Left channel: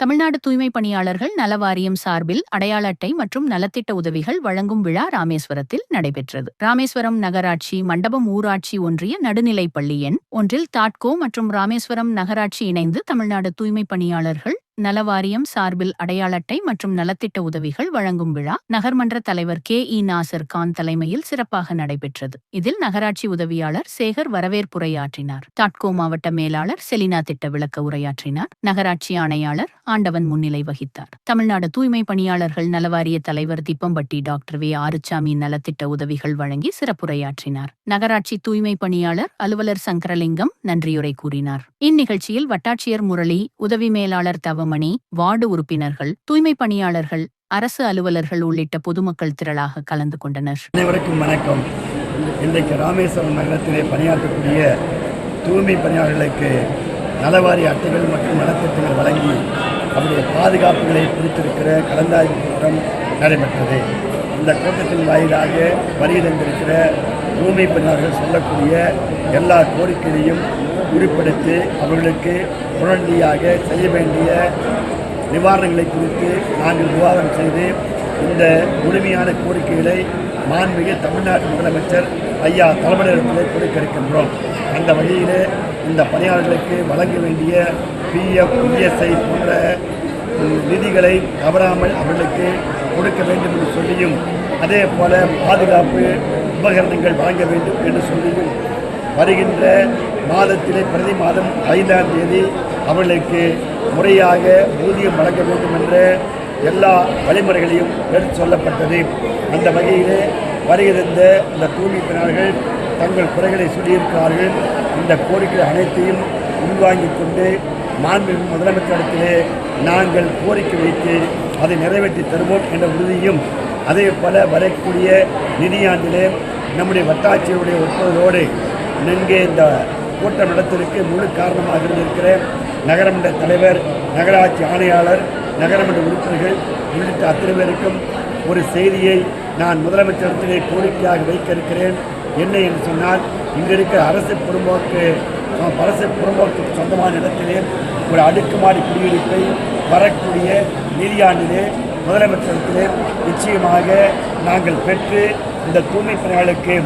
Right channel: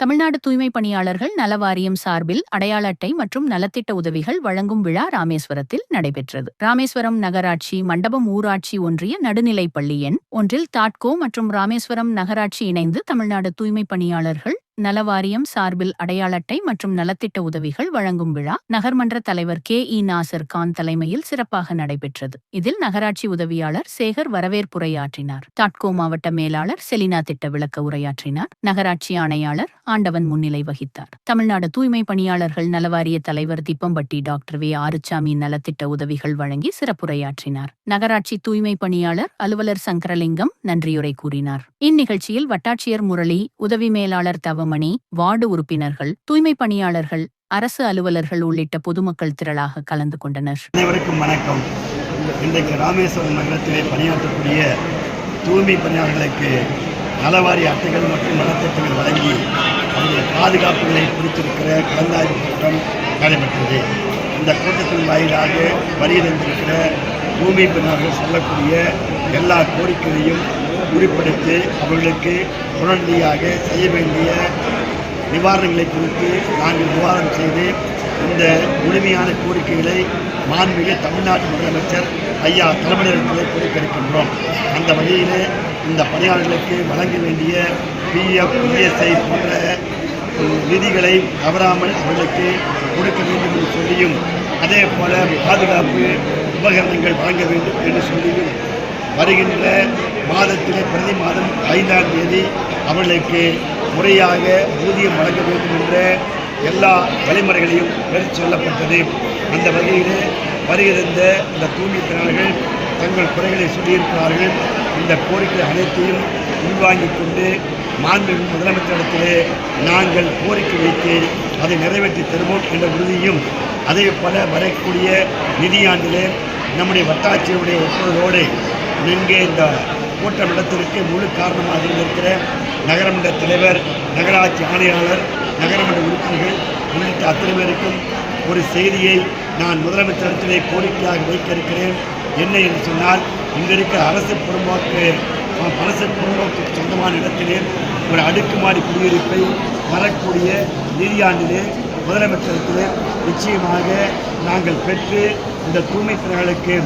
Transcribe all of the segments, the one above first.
தமிழ்நாடு தூய்மை பணியாளர்கள் நல வாரியம் சார்பில் அடையாள அட்டை மற்றும் நலத்திட்ட உதவிகள் வழங்கும் விழா ராமேஸ்வரத்தில் நடைபெற்றது. ராமேஸ்வரம் நகராட்சி மண்டபம் ஊராட்சி ஒன்றிய நடுநிலைப் பள்ளி எண் ஒன்றில் தாட்கோ மற்றும் ராமேஸ்வரம் நகராட்சி இணைந்து தமிழ்நாடு தூய்மை பணியாளர்கள் நலவாரியம் சார்பில் அடையாள அட்டை மற்றும் நலத்திட்ட உதவிகள் வழங்கும் விழா நகர்மன்ற தலைவர் KE நாசர் கான் தலைமையில் சிறப்பாக நடைபெற்றது. இதில் நகராட்சி உதவியாளர் சேகர் வரவேற்புரையாற்றினார். தாட்கோ மாவட்ட மேலாளர் செலினா திட்ட விளக்க உரையாற்றினார். நகராட்சி ஆணையாளர் ஆண்டவன் முன்னிலை வகித்தார். தமிழ்நாடு தூய்மை பணியாளர்கள் நலவாரிய தலைவர் திப்பம்பட்டி டாக்டர் வே ஆறுச்சாமி நலத்திட்ட உதவிகள் வழங்கி சிறப்புரையாற்றினார். நகராட்சி தூய்மை பணியாளர் அலுவலர் சங்கரலிங்கம் நன்றியுரை கூறினார். இந்நிகழ்ச்சியில் வட்டாட்சியர் முரளி, உதவி மேலாளர் தவமணி, வார்டு உறுப்பினர்கள், தூய்மை பணியாளர்கள், அரசு அலுவலர்கள் உள்ளிட்ட பொதுமக்கள் திரளாக கலந்து கொண்டனர். அனைவருக்கும் வணக்கம். இன்றைக்கு ராமேஸ்வரம் நகரத்திலே பணியாற்றக்கூடிய தூய்மை பணியாளர்களுக்கு நலவாரிய அட்டைகள் மற்றும் நலத்திட்டங்கள் வழங்கி அவருடைய பாதுகாப்புகளை குறித்திருக்கிற கலந்தாய்வு கூட்டம் நடைபெற்றது. இந்த கூட்டத்தின் வாயிலாக வருகின்றிருக்கிற தூய்மை பணியாளர்கள் சொல்லக்கூடிய எல்லா கோரிக்கைகளையும் குறிப்பிடுத்தி அவர்களுக்கு உடனடியாக செய்ய வேண்டிய நிவாரணங்களை குறித்து நாங்கள் விவாதம் செய்து இந்த முழுமையான கோரிக்கைகளை மாண்புமிகு தமிழ்நாட்டு முதலமைச்சர் ஐயா தலைமையிடத்தில் கொடுக்க இருக்கின்றோம். அந்த வகையில் இந்த பணியாளர்களுக்கு வழங்க வேண்டிய PF, ESI போன்ற நிதிகளை தவறாமல் அவர்களுக்கு கொடுக்க வேண்டும் என்று சொல்லியும், அதே போல பாதுகாப்பு உபகரணங்கள் வழங்க வேண்டும் என்று சொல்லியும் வருகின்ற மாதத்திலே பிரதி மாதம் 5ஆம் தேதி அவர்களுக்கு முறையாக ஊதியம் வழங்க வேண்டும் என்ற எல்லா வழிமுறைகளையும் எடுத்து சொல்லப்பட்டது. அந்த வகையில் வருகின்ற இந்த தூய்மை பணியாளர்கள் தங்கள் குறைகளை சொல்லியிருக்கிறார்கள். இந்த கோரிக்கை அனைத்தையும் உள்வாங்கிக் கொண்டு மாண்புமிகு முதலமைச்சரிடத்திலே நாங்கள் கோரிக்கை வைத்து அதை நிறைவேற்றி தருவோம் என்ற உறுதியும், அதே போல வரக்கூடிய நிதியாண்டிலே நம்முடைய வட்டாட்சியருடைய ஒப்புதலோடு இங்கே இந்த கூட்டம் நடத்திற்கு முழு காரணமாக இருந்திருக்கிற நகரமன்ற தலைவர், நகராட்சி ஆணையாளர், நகரமன்ற உறுப்பினர்கள் உள்ளிட்ட அத்தனை பேருக்கும் ஒரு செய்தியை நான் முதலமைச்சரிடத்திலே கோரிக்கையாக வைக்க இருக்கிறேன். என்ன என்று சொன்னால், இங்கே இருக்கிற அரசு புறம்போக்கு சொந்தமான இடத்திலே ஒரு அடுக்குமாடி குடியிருப்பை வரக்கூடிய நிதியாண்டிலே முதலமைச்சரிடத்திலே நிச்சயமாக நாங்கள் பெற்று இந்த தூய்மை பணியாளர்களுக்கு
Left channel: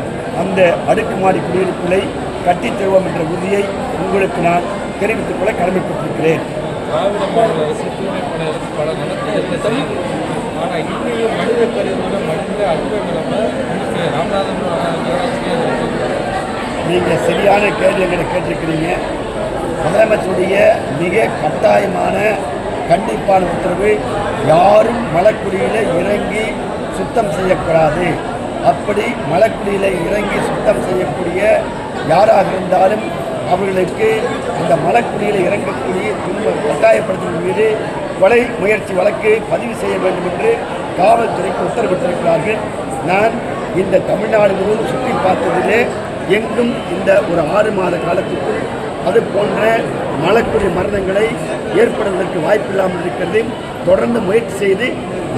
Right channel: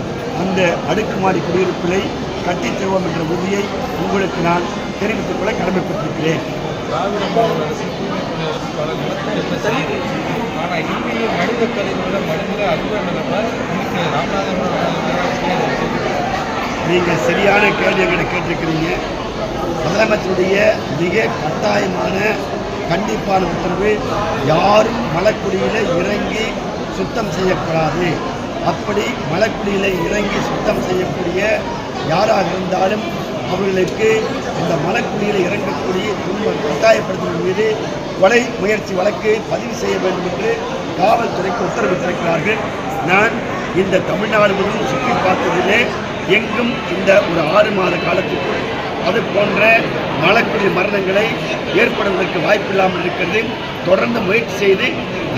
அந்த அடுக்குமாடி குடியிருப்புகளை கட்டித் தருவோம் என்ற உறுதியை உங்களுக்கு நான் தெரிவித்துக் கொள்ள கடமைப்பட்டிருக்கிறேன். நீங்கள் சரியான கேள்வி எங்களை கேட்டிருக்கிறீங்க. முதலமைச்சருடைய மிக கட்டாயமான கண்டிப்பான உத்தரவு, யாரும் மலைக்குடியில் இறங்கி சுத்தம் செய்யக்கூடாது. அப்படி மலைக்குடியில் இறங்கி சுத்தம் செய்யக்கூடிய யாராக இருந்தாலும் அவர்களுக்கு அந்த மலைக்குடியில் இறங்கக்கூடிய கட்டாயப்படுத்துவதன் மீது கொலை முயற்சி வழக்கு பதிவு செய்ய வேண்டும் என்று காவல்துறைக்கு உத்தரவிட்டிருக்கிறார்கள். நான் இந்த தமிழ்நாடு முழுவதும் சுற்றி பார்த்ததிலே எங்கும் இந்த ஒரு 6 மாத காலத்துக்குள் அது போன்ற மலைக்குடி மரணங்களை ஏற்படுவதற்கு வாய்ப்பில்லாமல் இருக்கிறது. தொடர்ந்து முயற்சி செய்து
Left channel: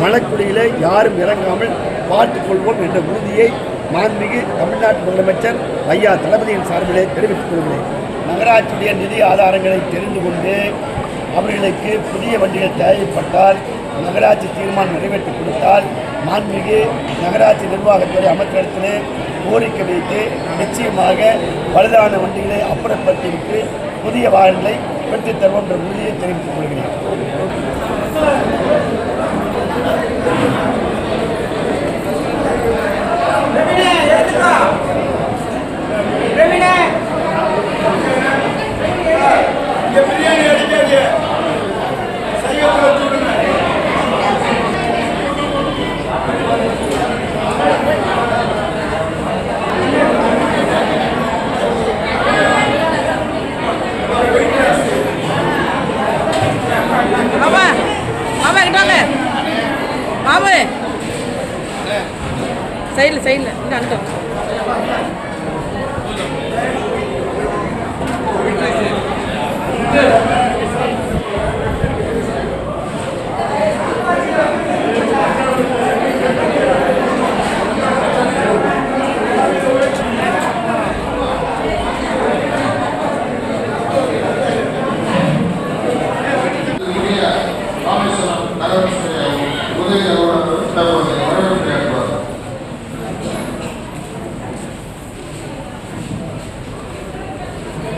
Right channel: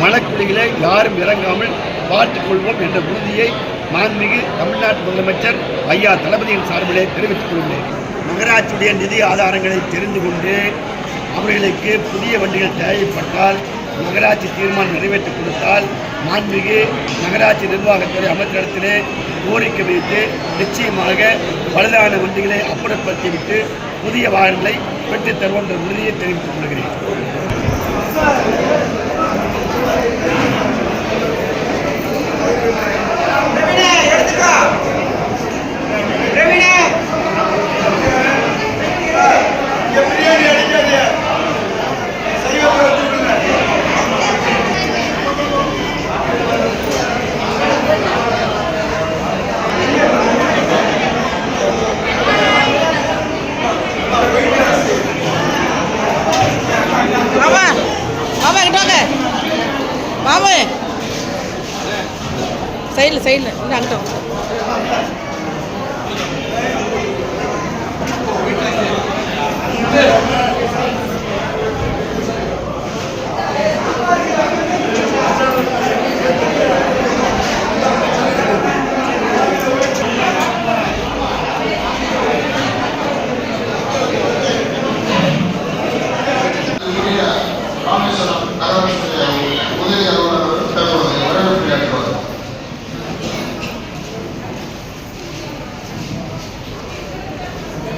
மலைக்குடியில் யாரும் இறங்காமல் பார்த்துக்கொள்வோம் என்ற உறுதியை மாண்புமிகு தமிழ்நாட்டு முதலமைச்சர் ஐயா தளபதியின் சார்பிலே தெரிவித்துக் கொள்கிறேன். நகராட்சியுடைய நிதி ஆதாரங்களை தெரிந்து கொண்டு அவர்களுக்கு புதிய வண்டிகள் தேவைப்பட்டால் நகராட்சி தீர்மானம் நிறைவேற்றி கொடுத்தால் மாண்புமிகு நகராட்சி நிர்வாகத்துறை அமைச்சரிடத்திலே கோரிக்கை வைத்து நிச்சயமாக பழுதான வண்டிகளை அப்புறப்படுத்திவிட்டு புதிய வாகனங்களை பெற்றுத் தருவோம் என்ற உறுதியை தெரிவித்துக் கொள்கிறேன். மாமா சைடில் இன்னும் அங்கிட்டோம். Yeah.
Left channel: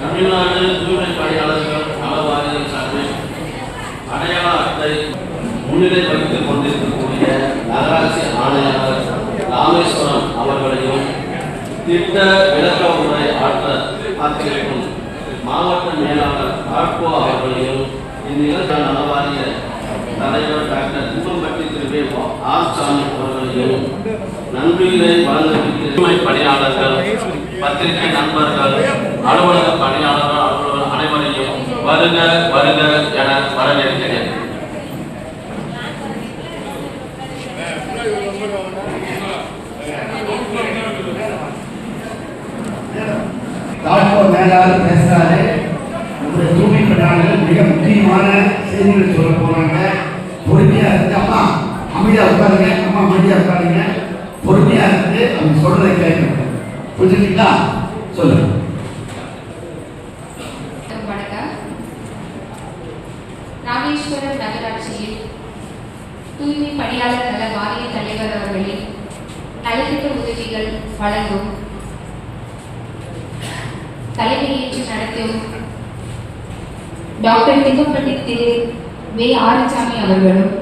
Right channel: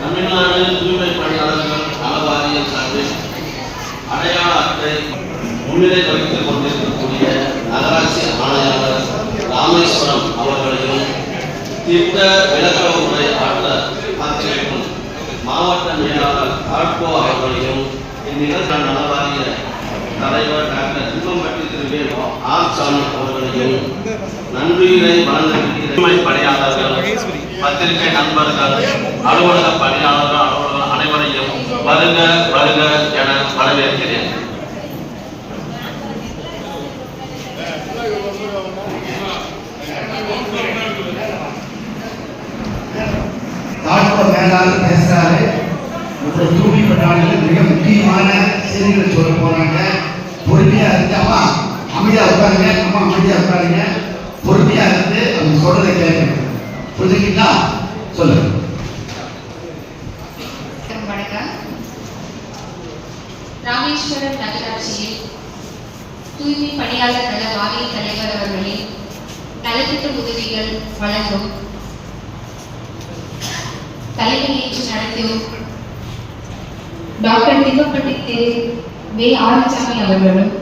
தமிழ்நாடு தூய்மை பணியாளர்கள் நல வாரியம் சார்பில் அடையாள அட்டை முன்னிலை வகித்துக் கொண்டிருக்கக்கூடிய நகராட்சி ஆணையாளர் ராமேஸ்வரம் அவர்களையும் திட்ட விளக்க உரை ஆற்றிருக்கும் மாவட்ட மேலாளர் ஆட்கோ அவர்களையும் இந்நிகழ்ச்சி நல வாரிய தலைவர் டாக்டர் திம்மம்பட்டி திரு ஆர்சாமி அவர்களையும் நன்றியினை வழங்குகிற பணியாளர்கள், பத்திரிகை நண்பர்கள், அலுவலக பணியாளர்கள் அனைவரையும் வருக வருக என வரவேற்கிறேன். தாழ்வ மேலாளர் பேசுறாரு. தூய்மை பணியாளர்கள் மிக முக்கியமான செய்திகளை சொல்ல போறாங்க. பொறுமையா இருந்து அம்மா அமைதியா உட்காருங்க, அம்மா அமைதியா உட்காருங்க, பொறுமையா இருந்து அவங்க சொல்றதை கேட்கணும். புரிஞ்சுக்கிட்டா சொல்லுங்க. வணக்கம். ராமேஸ்வரம் நகராட்சியில் தூய்மை பணியாளர் நல வாரிய தலைவர் அவர்களின் நலத்திட்ட உதவிகள் வழங்கும் தலைமையேற்று நடத்தும் டாக்டர் திம்மம்பட்டி திரு வே ஆறுசாமி அவர்களும்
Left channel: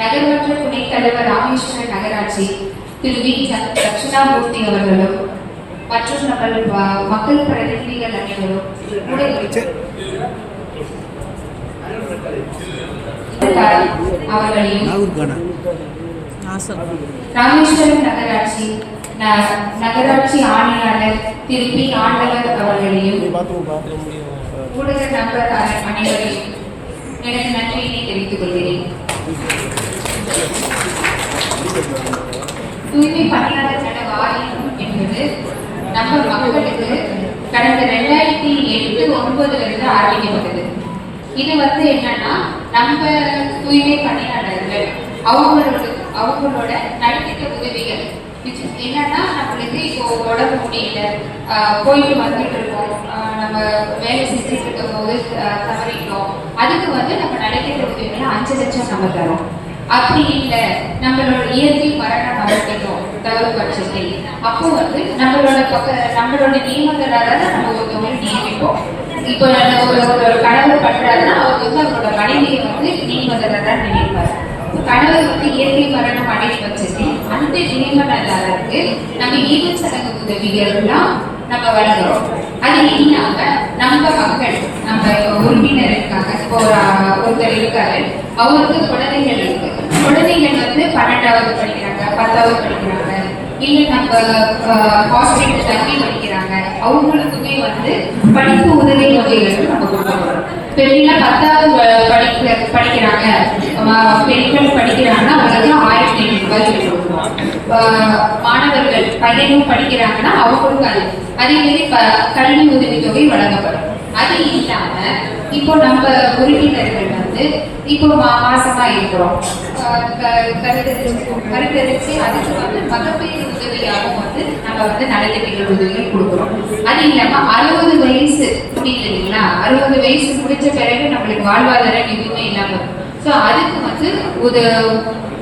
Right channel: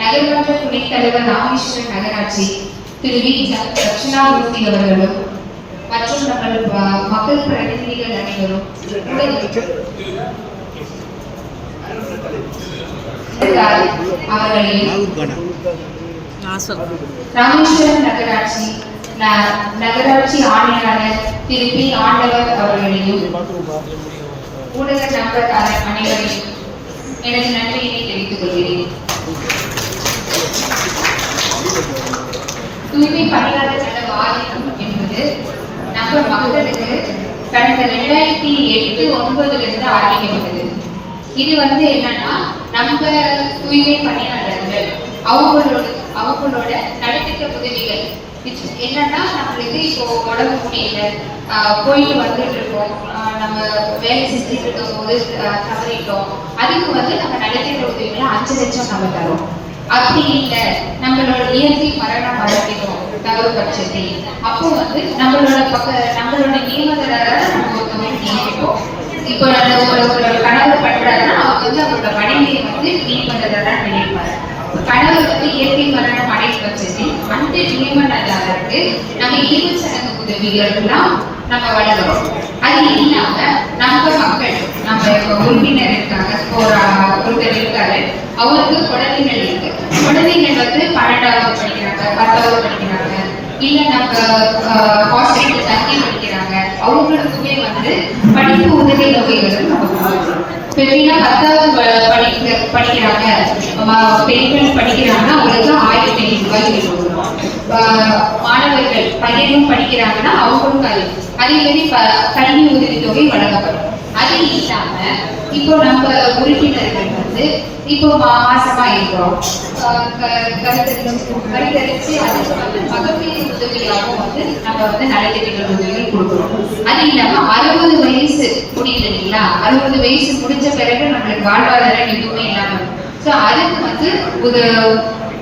நகர்மன்ற துணைத் தலைவர் ராமேஸ்வரம் நகராட்சி திரு வி தட்சிணாமூர்த்தி அவர்களும் மற்றும் நம்மள் மக்கள் பிரதிநிதிகள் அனைவரும் அவர்களையும் ராமேஸ்வரம் நகராட்சி ஆணையாளர் திரு பி ஆண்டவர் அவர்களையும் ஊடக நண்பர்கள் அனைவரையும் எனது நன்றியினை தெரிவித்துக் கொள்கிறேன். தூய்மை பணியாளர் நல வாரியம் என்பது நம்ம மக்களுக்கு கடந்த 2008-9 ஆரம்பிக்கப்பட்டது. இது என்னன்னா நம்ம தூய்மை பணியாளர்கள் அவங்களோட நலத்திட்ட உதவிகள் என்னன்னா நம்மளுக்கு இப்போ உடம்பு முடியல, போயிட்டு வந்துட்டு இருக்கோம், நம்ம வேலை செஞ்சுட்டு இருக்கும் போது தவறிட்டோம், அதுக்கு நம்ம நலத்திட்ட உதவிகளை 5 லட்சம் நம்ம தரோம். அப்படி இல்லை நம்மளோட இயற்கை மரணம் மரணிக்கும் தகவல் பட்சத்தில் அப்போ நம்மளோட நியமனதார நம்ம ஒரு தொகை நியமிப்போம். இப்போ ஒரு கணவர் பண்றாருன்னா அவர் அவரோட மனைவியை நியமனதாரா நினைப்பாரு. கணவர் இயற்கை மரணம் அடையும் பட்சத்தில் அந்த நியமனதாரருக்கு நம்ம ஈவுச்சடங்கு உதவிகள் எல்லாம் நம்ம வழங்குறோம். அது இல்லாம நம்ம மக்கள் நம்ம உறுப்பினர் இருக்காங்க, ஒருத்தர் இருக்காரு, அவருக்கு குழந்தைகள் இருக்கு. குழந்தைகள் 12வது படிக்கிறாங்க, 10வது படிக்கிறாங்க, இல்ல நம்ம ஹாஸ்பிட்டல் தங்கி படிக்கிறாங்க, அவங்களுக்குமே படிப்பு உதவி தொகைகள் நம்ம கொடுக்குறோம். பெரியனா 10வது படிக்கிறாங்க, பெண்கள் படிக்கிறாங்கன்னா அவங்களுக்கு 1500 ரூபாய் கொடுக்குறோம். மாணவர்கள் பையனும் படிக்கிறாங்கன்னா அவங்களுக்கு அதே மாதிரி கல்வி உதவி தொகை வழங்கப்படும். அது இல்லாம இப்போ நம்ம உறுப்பினர்கள் இப்போ மாசமா இருக்கிறோம், கருத்தரிச்சு அதுக்கு மகப்பேறு உதவியாகவும் நம்ம நலத்திட்ட உதவிகள் கொடுக்குறோம். அது இல்லாம 60 வயசு முடியுது இல்லைங்களா, 60 வயசு முடிஞ்ச பிறகு நம்மளுக்கு வாழ்வாதாரம் எதுவுமே இல்லாம ஸோ அதுக்கு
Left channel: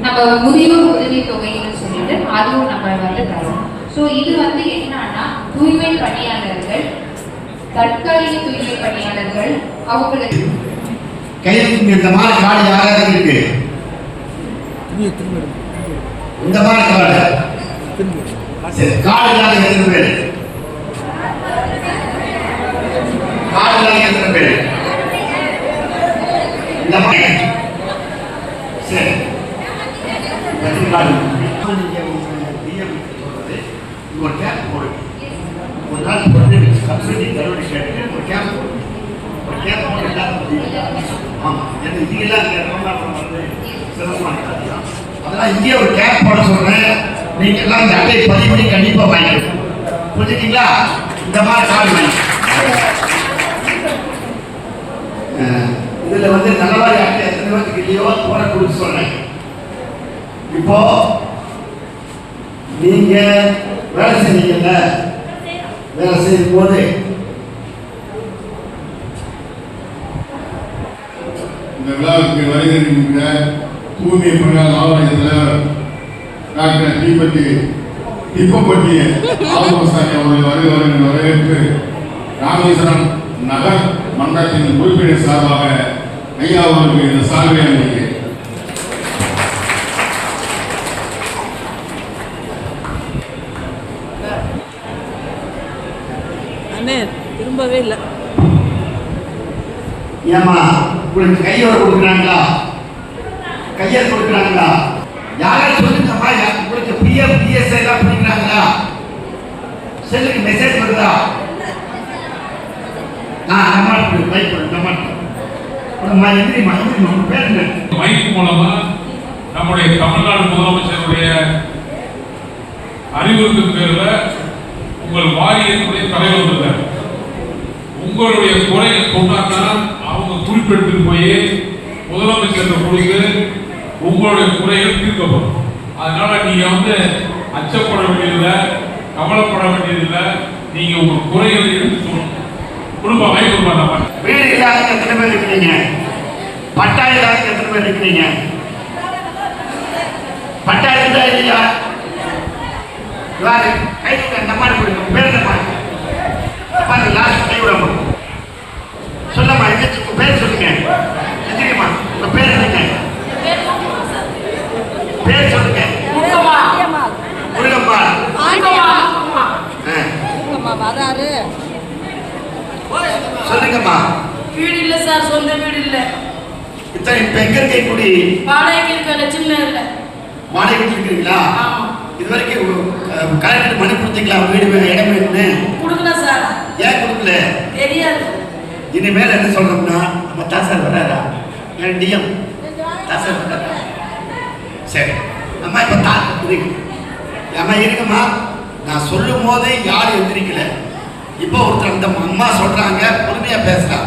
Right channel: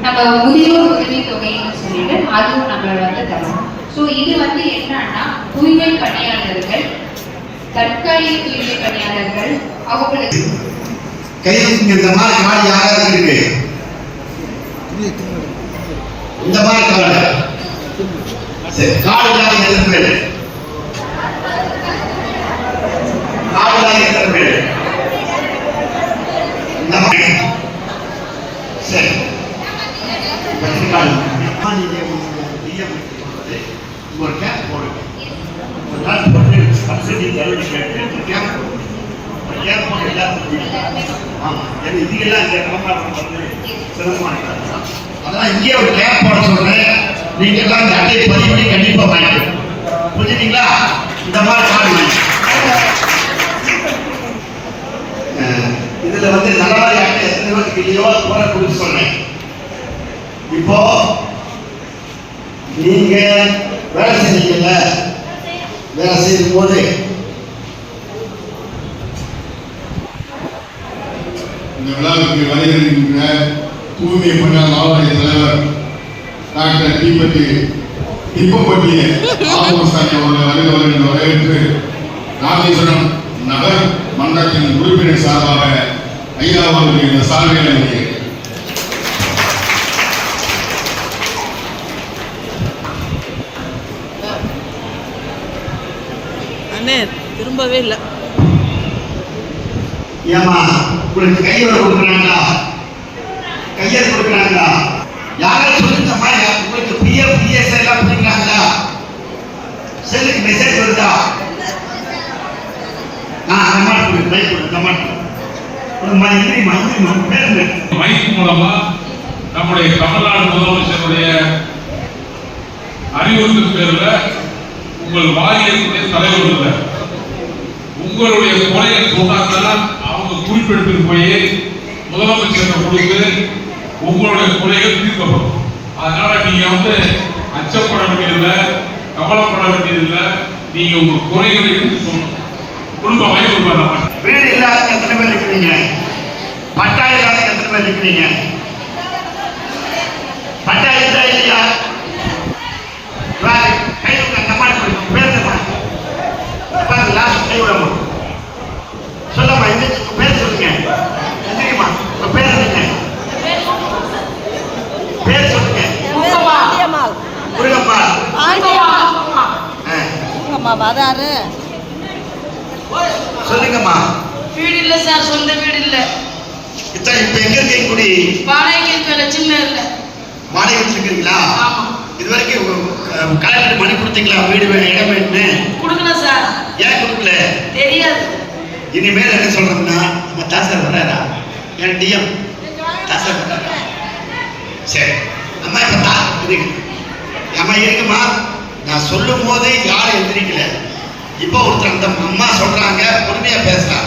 நம்ம முதியோர் உதவி தொகைன்னு சொல்லிட்டு அதுவும் நம்ம தரோம். ஸோ இது என்னன்னா தூய்மை பணியாளர்கள், தற்காலிக தூய்மை பணியாளர்கள் அவங்களுக்கு கையில் இந்த மாதிரி காடு யாராவது இருக்கு, இந்த மாதிரி காடு எத்தனை பேர், காடு எத்தனை பேர் இந்த மாதிரி சரி ஒரு கேப் போடுங்க. ஒரு நாள் போட்டு சப்சிடி தள்ளுபடி கேட்டு ஒரு கேப் போடுங்க. ஒரு கேப் போட்டு எல்லாரும் ஆமாம் இதுக்கெல்லாம் இந்த விளம்பரம் சிரமமாக அதெல்லாம் இங்கேயே ஒரு கேப் போட சொல்கிறேன். நீங்கள் எல்லாம் இந்த அட்டையை பதிவு பண்ணி கண்டிப்பாக வாங்கிக்கணும். புரிஞ்சுட்டீங்களா? இந்த மாதிரி காடுங்க. இதில் நலவாரி அட்டை எத்தனை பேருக்கு இல்லையோ போட கொடுத்து சொன்னேன். இப்போ நீங்க வேலை செஞ்சீங்கல்ல, வேலை செய்யும் போது இந்த விழாவுக்கு வருகின்ற தூய்மை பணியாளர் ஆவண தலைவர் டாக்டர் தீபதி இப்பப்பட்டிய ஆலோசனை அவர்களை வரவேற்று ராமேஸ்வரம் நகர் மன்றத்தின் உறுப்பினர் சார்பாக ஐயா அவர்களுக்கு இந்த சார்பை அளிக்கிறேன். அண்ணே திரும்பவே இல்லை. ஏமா உங்களுக்கு கையோட கொடுக்குறாங்களா, கையெழுத்து கொடுக்குறாங்களா? யாராவது சொல்லுங்கம்மா, உங்களுக்கு பிஎஸ் எல்லாம் கொடுக்குறாங்களா? செல்லுக்கு மெசேஜ் வருதா? மைக் மூலமா நம்முடைய தமிழ்நாடு முதலமைச்சருடைய அறிவுறுத்தல் பேர்ல உங்கள் வாரியத்துடைய தலைவர்கள் உங்களுடைய குறையை சொன்னாதான் அவங்க குறிப்பிட்டு போய் முதலமைச்சர் கொடுத்து உங்களுடைய குறைகள் தீர்க்கப்படும். அதனால நீங்க அச்சப்பட வேண்டியதில்லை, கவலைப்பட வேண்டியதில்லை. நீங்க உங்க குறைகளை எடுத்து சொல்லணும். குடும்ப வாய்ப்பு வீடு இல்லாத எத்தனை பேர் இருக்கிறீங்க? பட்டா இல்லாத எத்தனை பேர் இருக்கிறீங்க? பட்டா இருந்தா இல்லையா? கை கைவிடமா சொல்லமா, பேர் சொல்லுங்க. எந்திரிமா, பேர் சொல்லுங்க. பேர் சொல்லுங்க. சொல்லுங்கம்மா. வீடு இல்ல சார், சொந்த வீடு இல்ல. இப்ப எங்க இருக்கீங்க? குடி வாடகைக்கு இருக்க லட்சுமி இல்ல. வாடகை இருக்கிறீங்களா? ஆமா. இதுவரைக்கும் கலெக்டர் மணி கொடுத்தீங்களா? வீடு இடம் வேணும்னு கொடுக்கல சார். ஏன் கொடுக்கல? தெரியாது. இனிமேல் என்ன சொல்றோம்னா, நம்ம தாசார் வராரா? என் டிஎம் தாசார் வராரா? சரி அம்மா, இப்ப அம்மா இருக்குமா? நான் சொல்லும் போது யாரும் எந்திரிக்கல. இப்போ ஒருத்தர் இந்த அம்மா சொல்றாங்க, பொறுமையா பேசுறா.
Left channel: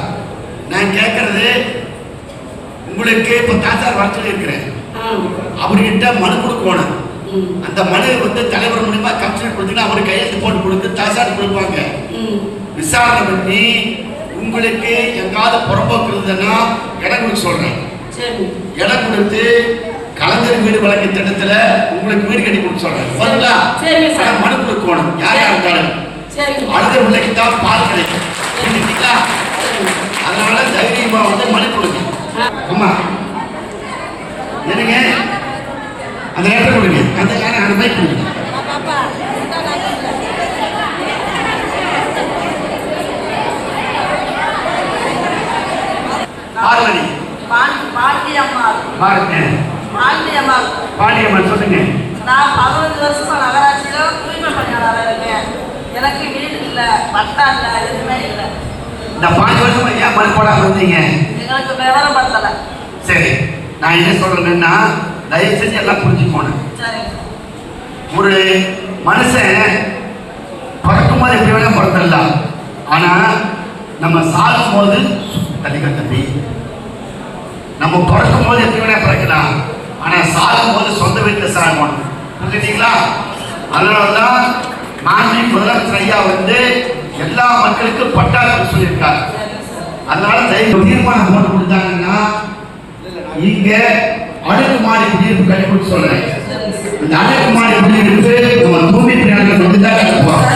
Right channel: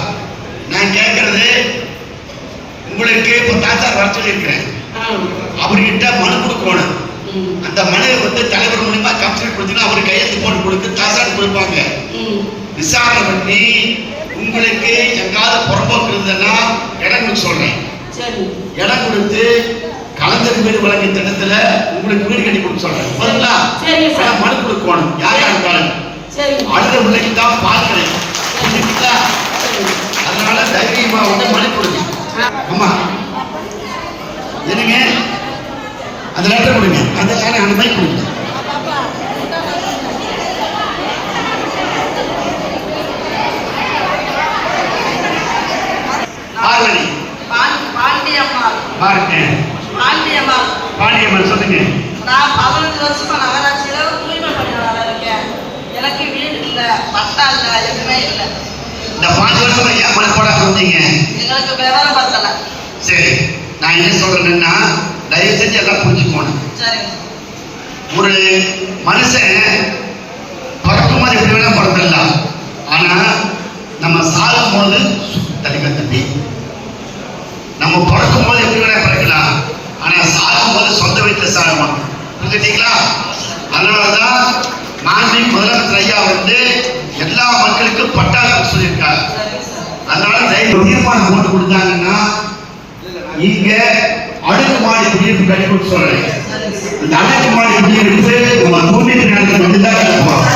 நான் கேட்கறது, உங்களுக்கு இப்போ தாசார் வர சொல்லி இருக்கிறேன். அவர்கிட்ட மனு கொடுக்கணும். அந்த மனு தலைவர் மூலியமா கமிஷனர் கொடுத்தீங்கன்னா அவர் கையெழுத்து போட்டு கொடுத்து தாசார் கொடுப்பாங்க. விசாரணை பண்ணி உங்களுக்கு எங்காவது புறம்போக்கு இருந்ததுன்னா இடம் கொடுக்க சொல்றேன். இடம் கொடுத்து கலைஞர் வீடு வழக்கு திட்டத்துல உங்களுக்கு வீடு கட்டி கொடுக்க சொல்றேன். மனு கொடுக்கணும் யார் யார் இருந்தாலும். அடுத்த பிள்ளைக்கு தான் பால் கிடைக்கும். அதனால தைரியமா மனு கொடுங்க. அம்மா என்னங்க, அந்த லெட்டர் கொடுங்க. அந்த பைக் கொடுங்க. பாண்டியம்மா சொல்லுங்க. நான் 15 வருஷமா நகராட்சியில தூய்மை பணியாளர் இருக்கேன். எனக்கு வீடு இல்ல, பட்டா இல்ல, எதுவுமே இல்ல. இந்த 5 வருஷமா ஏன் மனு போட சொன்னீங்க? எங்களுக்கு விவரம் பத்தல. சரி, நான் என்ன சொல்றேன்னா, தயவு செஞ்சு எல்லாம் புரிஞ்சுக்கணும். ஒரு மனுஷன் பிறக்கும் போது எப்படி வேணா பிறந்தலாம். ஆனா நம்ம சாகும் போது தம்பி, நம்ம பிறக்கும் போது எப்படி வேணா பிறக்கலாம். ஆனா சாகும் போது சொந்த வீட்டில் சாகணும். புரிஞ்சுட்டீங்களா? அதனாலதான் மாண்பு முதலமைச்சர் ஐயா எல்லா மக்களுக்கும் பட்டா சொல்லியிருக்காரு. அதனால தீர்மானம் போட்டு கொடுத்தாங்கன்னா இங்க அடுக்குமாடி குடியிருப்பு கட்டி கொடுக்க சொல்றேன். இந்த அடுக்குமாடி குடியிருப்பு உங்க தூய்மை பணியாளர்கள் மட்டும்தான் கட்டுவாங்க.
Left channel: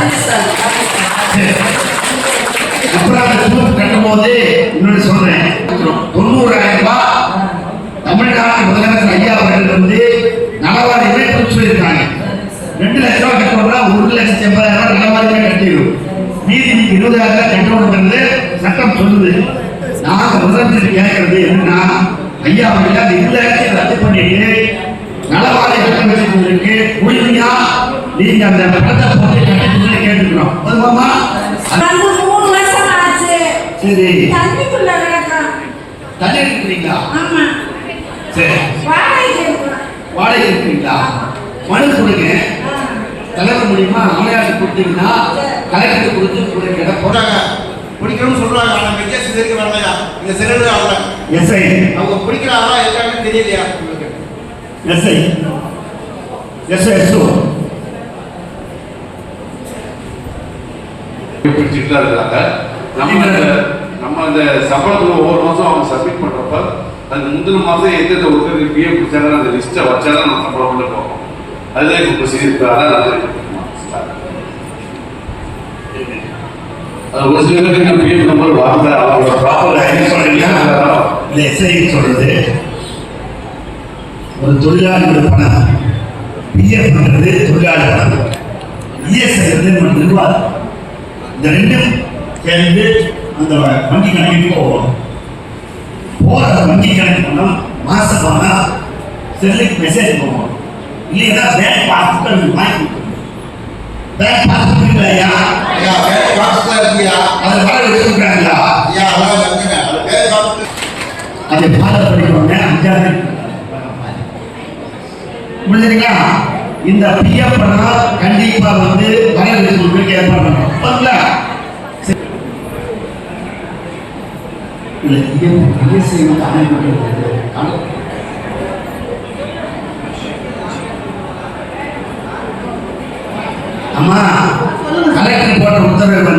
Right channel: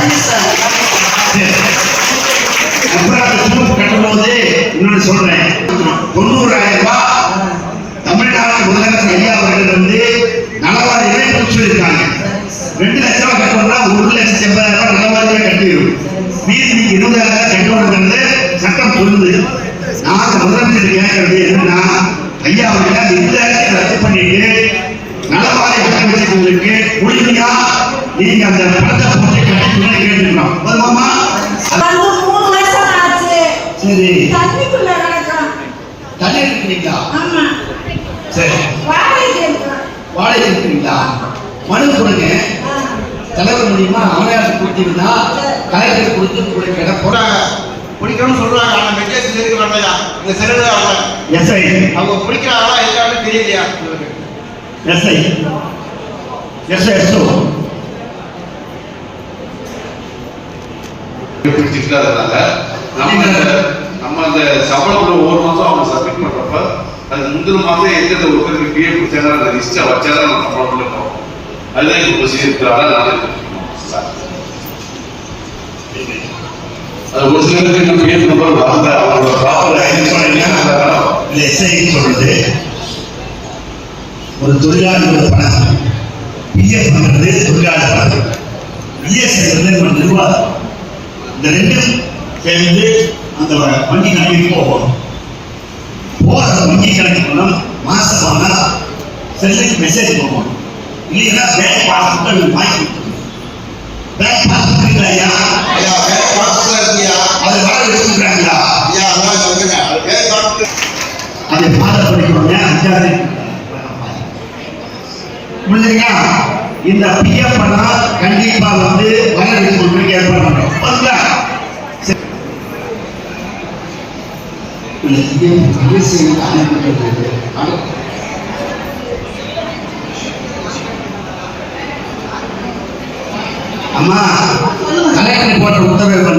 கட்டும் போது இன்னொன்று சொல்றேன், 90,000 ரூபாய் தமிழ்நாடு முதலமைச்சர் ஐயா அவர்கள் நலவாரியை கொடுத்துருக்காங்க. 2 லட்சம் ரூபாய் கட்டணும்னா 1,80,000 நலவாரியை கட்டிடும். மீதி 20,000 கட்டணுங்கிறது சட்டம் சொல்லுது. நான் முதலமைச்சர் கேட்கறது என்னன்னா, ஐயா அவர்கள் அந்த 20,000 ரத்து பண்ணிட்டு நலவாரி கட்டமைச்சவங்களுக்கு உறுதியா நீங்க அந்த பணத்தை போட்டு கட்டி கேட்டுக்கலாம். அதுமாமா 3 வருஷம் ஆச்சு. சரி, தண்ணிக்குள்ள கிடக்குறோம். தண்ணி இருக்கிறீங்களா? ஆமா. சரி, வாடகை இருக்கிறீங்களா? மனு கொடுங்க. தலைவர் மூலியமா ஆணையாளர் கொடுத்தீங்கன்னா கலெக்டர் கொடுத்து பிடிக்கணும்னு சொல்லுவாங்க. ஆனா மெஜேஸ் இருக்கிறாங்க இந்த சிறந்த எஸ்ஐ அவங்க பிடிக்கிறாங்களா எல்லாமே தெரியலையா? எஸ்ஐ எஸ்ஐ நம்ம அந்த சம்பளத்துல ஒவ்வொரு மாசம் அவங்க சப்மிட் பண்றப்ப அது முந்தின மாசம் எந்தெந்த ஒருத்தருக்கு பிஎஃப் பிடிச்சாங்க அந்த லிஸ்ட்டை வச்சாதான் நம்ம சம்பளம் இருக்கும். கழுதை கொண்டு செய்திருக்கிறார்கள். அது ஒரு சில பேருக்கு நம்ம பேர் நம்பர் வாங்க அவங்களோட ப்ராப்பர் இந்த எஸ்ஐ சொல்றது ஒரு தொழிலாளியோட பணம் பிஎஃப் பண்றது தொழிலாளி பணம், இஎஸ்ஐ நம்ம நிர்வாகம், இந்த ரெண்டும் சேர்ந்து அந்த வங்கி கணக்கு போகும். போகிற வங்கி கணக்கு பணம் மாசமான செல்லுக்கு மெசேஜ் போகும். இல்லைன்னா பேங்க் பாஸ்புக் வாங்கி பேங்க் பாஸ்புக் இல்லையா அதை வேலை எடுத்துக்கிறாங்களா அதை ஃபாலோ பண்ணிக்கோங்க. 5 புரிஞ்சுங்களா? இந்த பிஎஃப் பணம் கண்டிப்பா வர வைக்கிறதுக்கு ஏற்பாடு பண்ணுறோம். அம்மா கலெக்டர் போட்ட உத்தரவு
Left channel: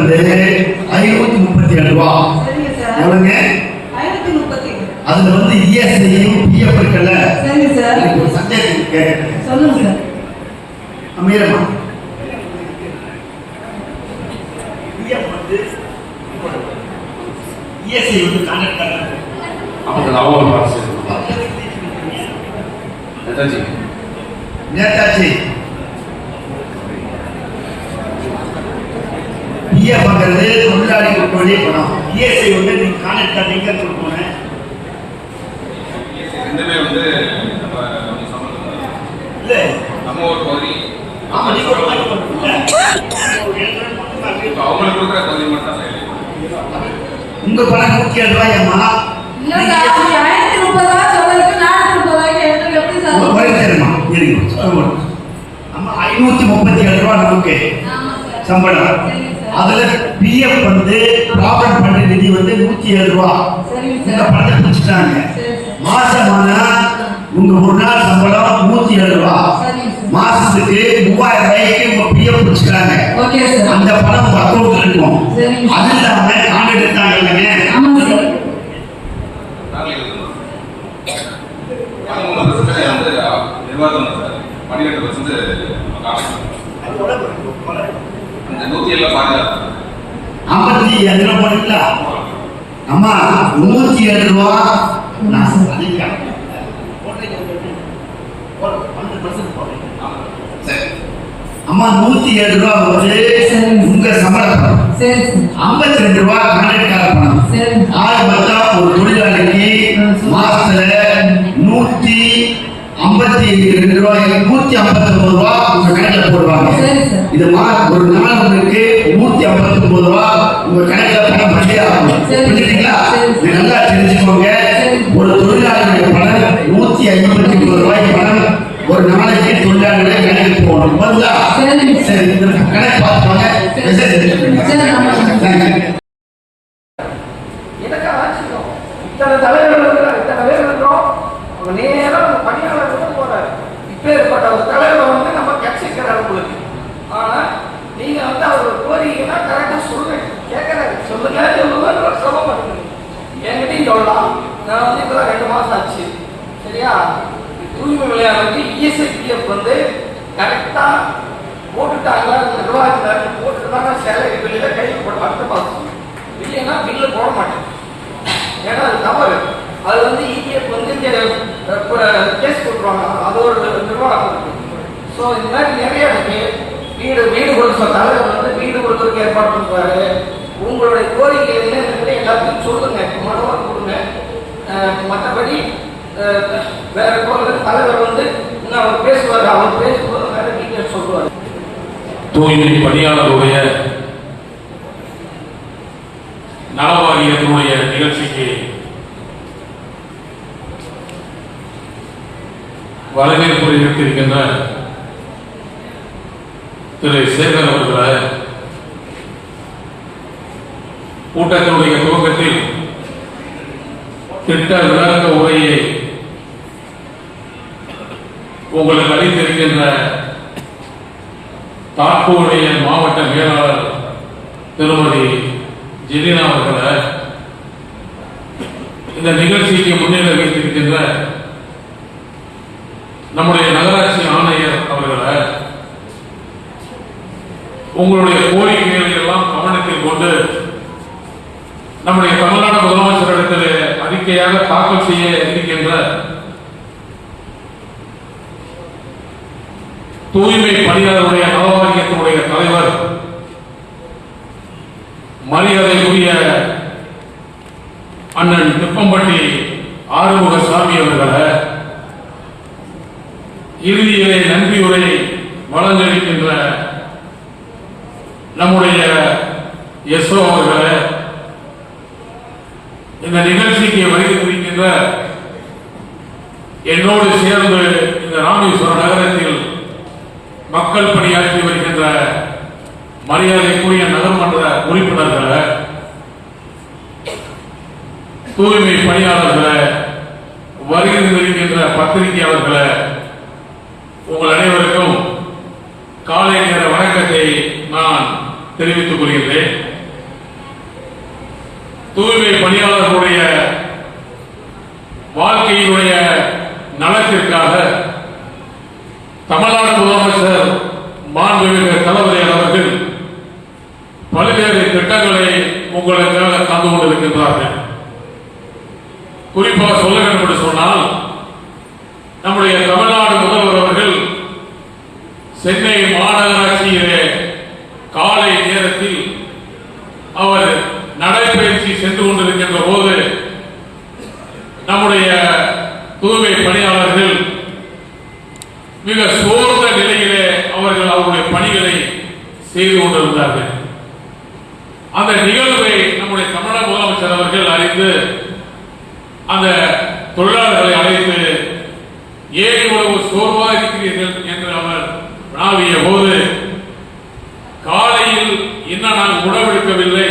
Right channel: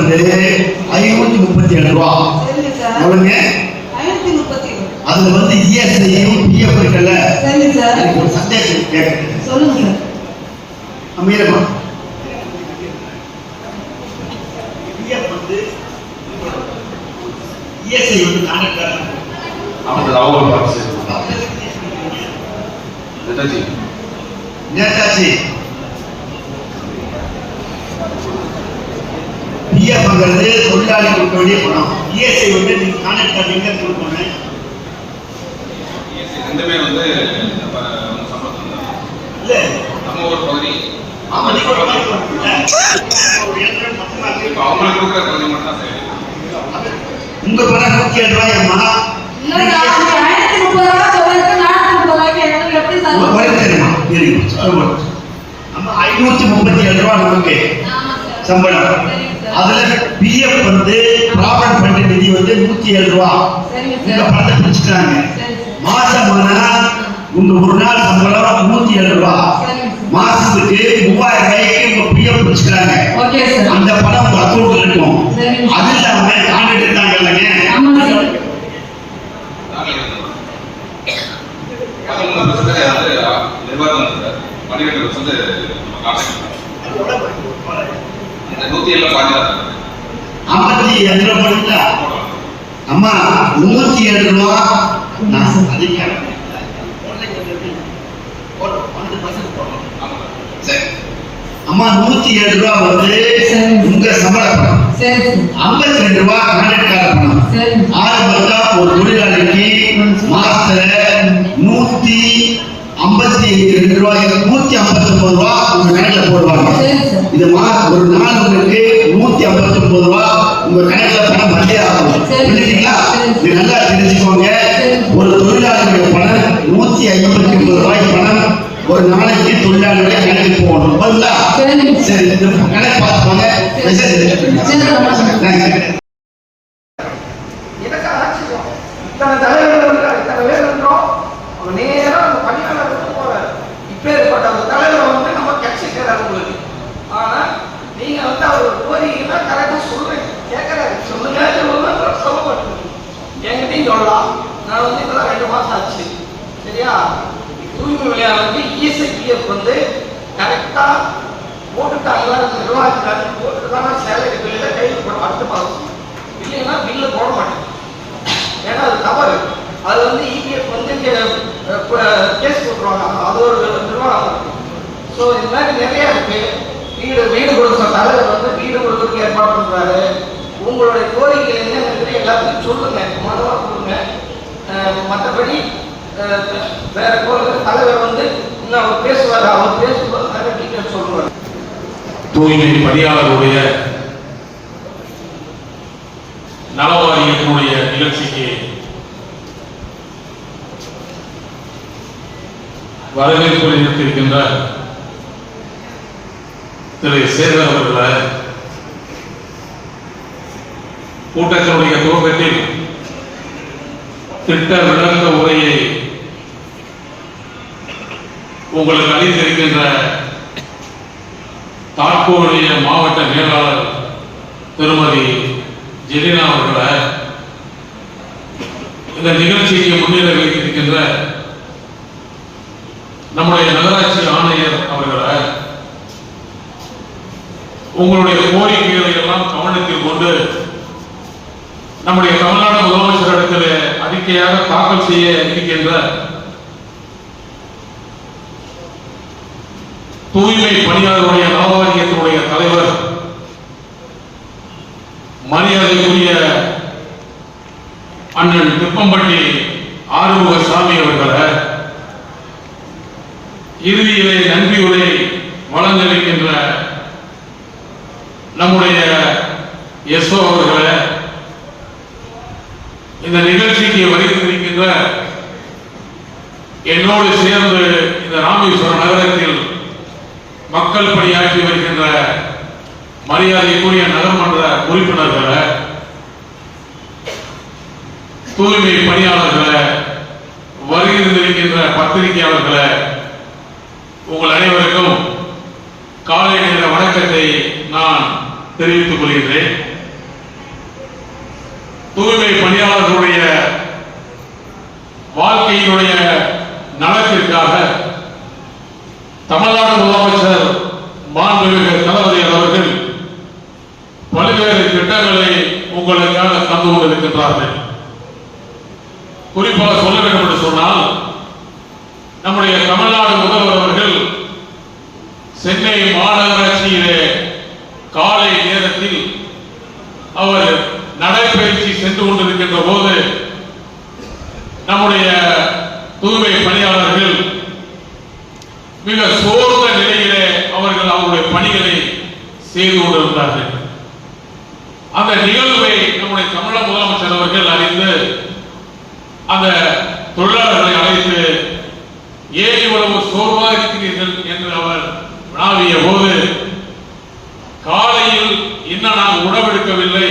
537 ரூபா. எவ்வளவுங்க? அதுல இஎஸ்ஐயும் பிஎஃப் இருக்குல்ல, எனக்கு ஒரு சந்தேகம் கேட்குறேன். சொல்லுங்க சார். அமீரமா இஎஸ்ஐ நேதாஜி பிஎஃப்ங்கிறது தொழிலாளி கொடுக்க வேண்டிய பணம். இஎஸ்ஐ நீங்க கான்ட்ராக்ட் கார்டு எங்க கொடுக்கணும்? இல்ல நம்ம ஒரு பகுதி ஆமா நீங்க ஒரு மாதிரி கொடுக்கல. அவங்களுக்கு கொடுக்குற தகுதி மட்டும் தான் உங்க பணம் 107 ரூபாய்மா. இல்ல சார் 1030 ரூபா சொல்லிட்டு 430 ரூபாய்க்கு எப்படி சார்? ஒரு வழி தெரியுமா? இருங்க. நம்ம 537 ரூபாய் நமக்கு சம்பளம். அதுல பிஎஃப் ப்ராஃபிட் பண்ற நிதி 107 ரூபாய். இந்த பணத்தை பிடிச்சிட்டாங்க. மாசமான உங்க ஒரு நாள் சம்பளம் 107 ரூபாய். மாசத்துக்கு 3000 ரூபாய்க்கு உங்க பிஎஃப் பிடிச்சிட்டாங்க. அந்த பணம் உங்க அக்கௌண்ட்ல இருக்கும். அது இல்லாம கான்ட்ராக்ட் எடுத்தாங்க இல்லைங்க. அம்மா 107 ரூபா நான் அம்மா 107 ரூபா உங்க சம்பள பணம். 52 ரூபா கான்ட்ராக்ட் பணம். ஒரு தொழிலாளிக்கு மாசத்துல 152 ரூபாய் 159 ரூபா உங்க கணக்குல போடுவாங்க. இது ஒரு நாள் உங்களுக்கு 159 ரூபா உங்க கணக்குல பணம் வந்தே ஆகும். புரியுதுங்களா? இது நல்லா தெரிஞ்சுக்கோங்க. ஒரு தொழிலாளியோட பணம் 159 ரூபாய் பணம் ஒரு நாளைக்கு தொழிலாளிகளை கணக்கு போகணும். பதிலா சரி கணக்கு பார்த்துக்கோங்க. கரெக்டா போட்டுட்டாங்களா நிர்வாகத்தினால போட்டுதான் சேலரி பில்லில் கை அடுத்த பாலிசி இல்லைன்னா பில்லு போட மாட்டேன். ஏன்னா அது தவறு. அது இபிஎஃப் கேஸ் போட்டுருவாங்க. அது ஒரு நிர்வாகம் இருக்கு. ஸோ இந்த மாதிரி நிறைய இருக்கு. வீடு கொடுக்குற தலைவர் வீடு கொடுக்கறதுக்கு ஏற்பாடு பண்றாரு. உங்களுடைய கோரிக்கைகள் என்ன எல்லாத்தையும் சொல்லுங்க, மனவாக கொடுங்க. மற்றபடி வேற தலைவர் அவர் பேசுவார். அவர் பேசும்போது நிறைய டீட்டெயில் சொல்லுவார். தூய்மை பணியாளருடைய நலவாரியத்தினுடைய நிகழ்ச்சிக்கு வரவேற்பு தெரிவித்திருக்கின்ற திரு சேகர் அவர்களை கூட்டத்தினுடைய துவக்கத்தில் திட்ட விளக்க உரையை உங்களுக்கு அளித்திருக்கின்ற தாக்கூருடைய மாவட்ட மேலாளர் திருமதி ஜெலினா அவர்களை, இந்த நிகழ்ச்சிக்கு முன்னிலை வைத்திருக்கின்ற நம்முடைய நகராட்சி ஆணையர் அவர்களை, உங்களுடைய கோரிக்கைகளை எல்லாம் கவனத்தில் கொண்டு நம்முடைய தமிழ்நாடு முதலமைச்சரிடத்தில் அறிக்கையாக தாக்கல் செய்ய இருக்கின்ற தூய்மை பணியாளர்களுடைய நலவாரியத்தினுடைய தலைவர் மரியாதைக்குரிய அண்ணன் திப்பம்பட்டி ஆறுமுகசாமி அவர்களை இறுதியிலே நன்றியுரை வழங்க இருக்கின்ற நம்முடைய எஸ்ஓ அவர்களை, இந்த நிகழ்ச்சிக்கு வருகின்ற என்னோடு சேர்ந்து இந்த ராமேஸ்வரம் நகரத்தில் மக்கள் பணியாற்றி வருகின்ற மரியாதைக்குரிய நகர்மன்ற உறுப்பினர்களை, தூய்மை பணியாளர்களை, வருகின்ற பத்திரிகையாளர்களை, உங்கள் அனைவருக்கும் காலை நேர வணக்கத்தை நான் தெரிவித்துக் கொள்கிறேன். தூய்மை பணியாளர்களுடைய வாழ்க்கையினுடைய நலத்திற்காக தமிழ்நாடு முதலமைச்சர் மாண்புமிகு தளபதி அவர்கள் பல்வேறு திட்டங்களை உங்களுக்காக தந்து கொண்டிருக்கின்றார்கள். குறிப்பாக சொல்ல வேண்டும் என்று சொன்னால், நம்முடைய தமிழ்நாடு முதல்வர் அவர்கள் சென்னை மாநகராட்சியிலே காலை நேரத்தில் அவர் நடைபயிற்சி சென்று கொண்டிருக்கின்ற போது நம்முடைய தூய்மை பணியாளர்கள் மிக சோர்ந்த நிலையிலே அவர்கள் அவருடைய பணிகளை செய்து கொண்டிருந்தார்கள். அந்த நிகழ்வை நம்முடைய தமிழக முதலமைச்சர் அவர்கள் அறிந்து அந்த தொழிலாளர்களை அழைத்து, ஏன் இவ்வளவு சோர்வாக இருக்கிறீர்கள் என்று அவர் வினாவிய போது, காலையில் இன்னும் நான் உணவெடுக்கவில்லை,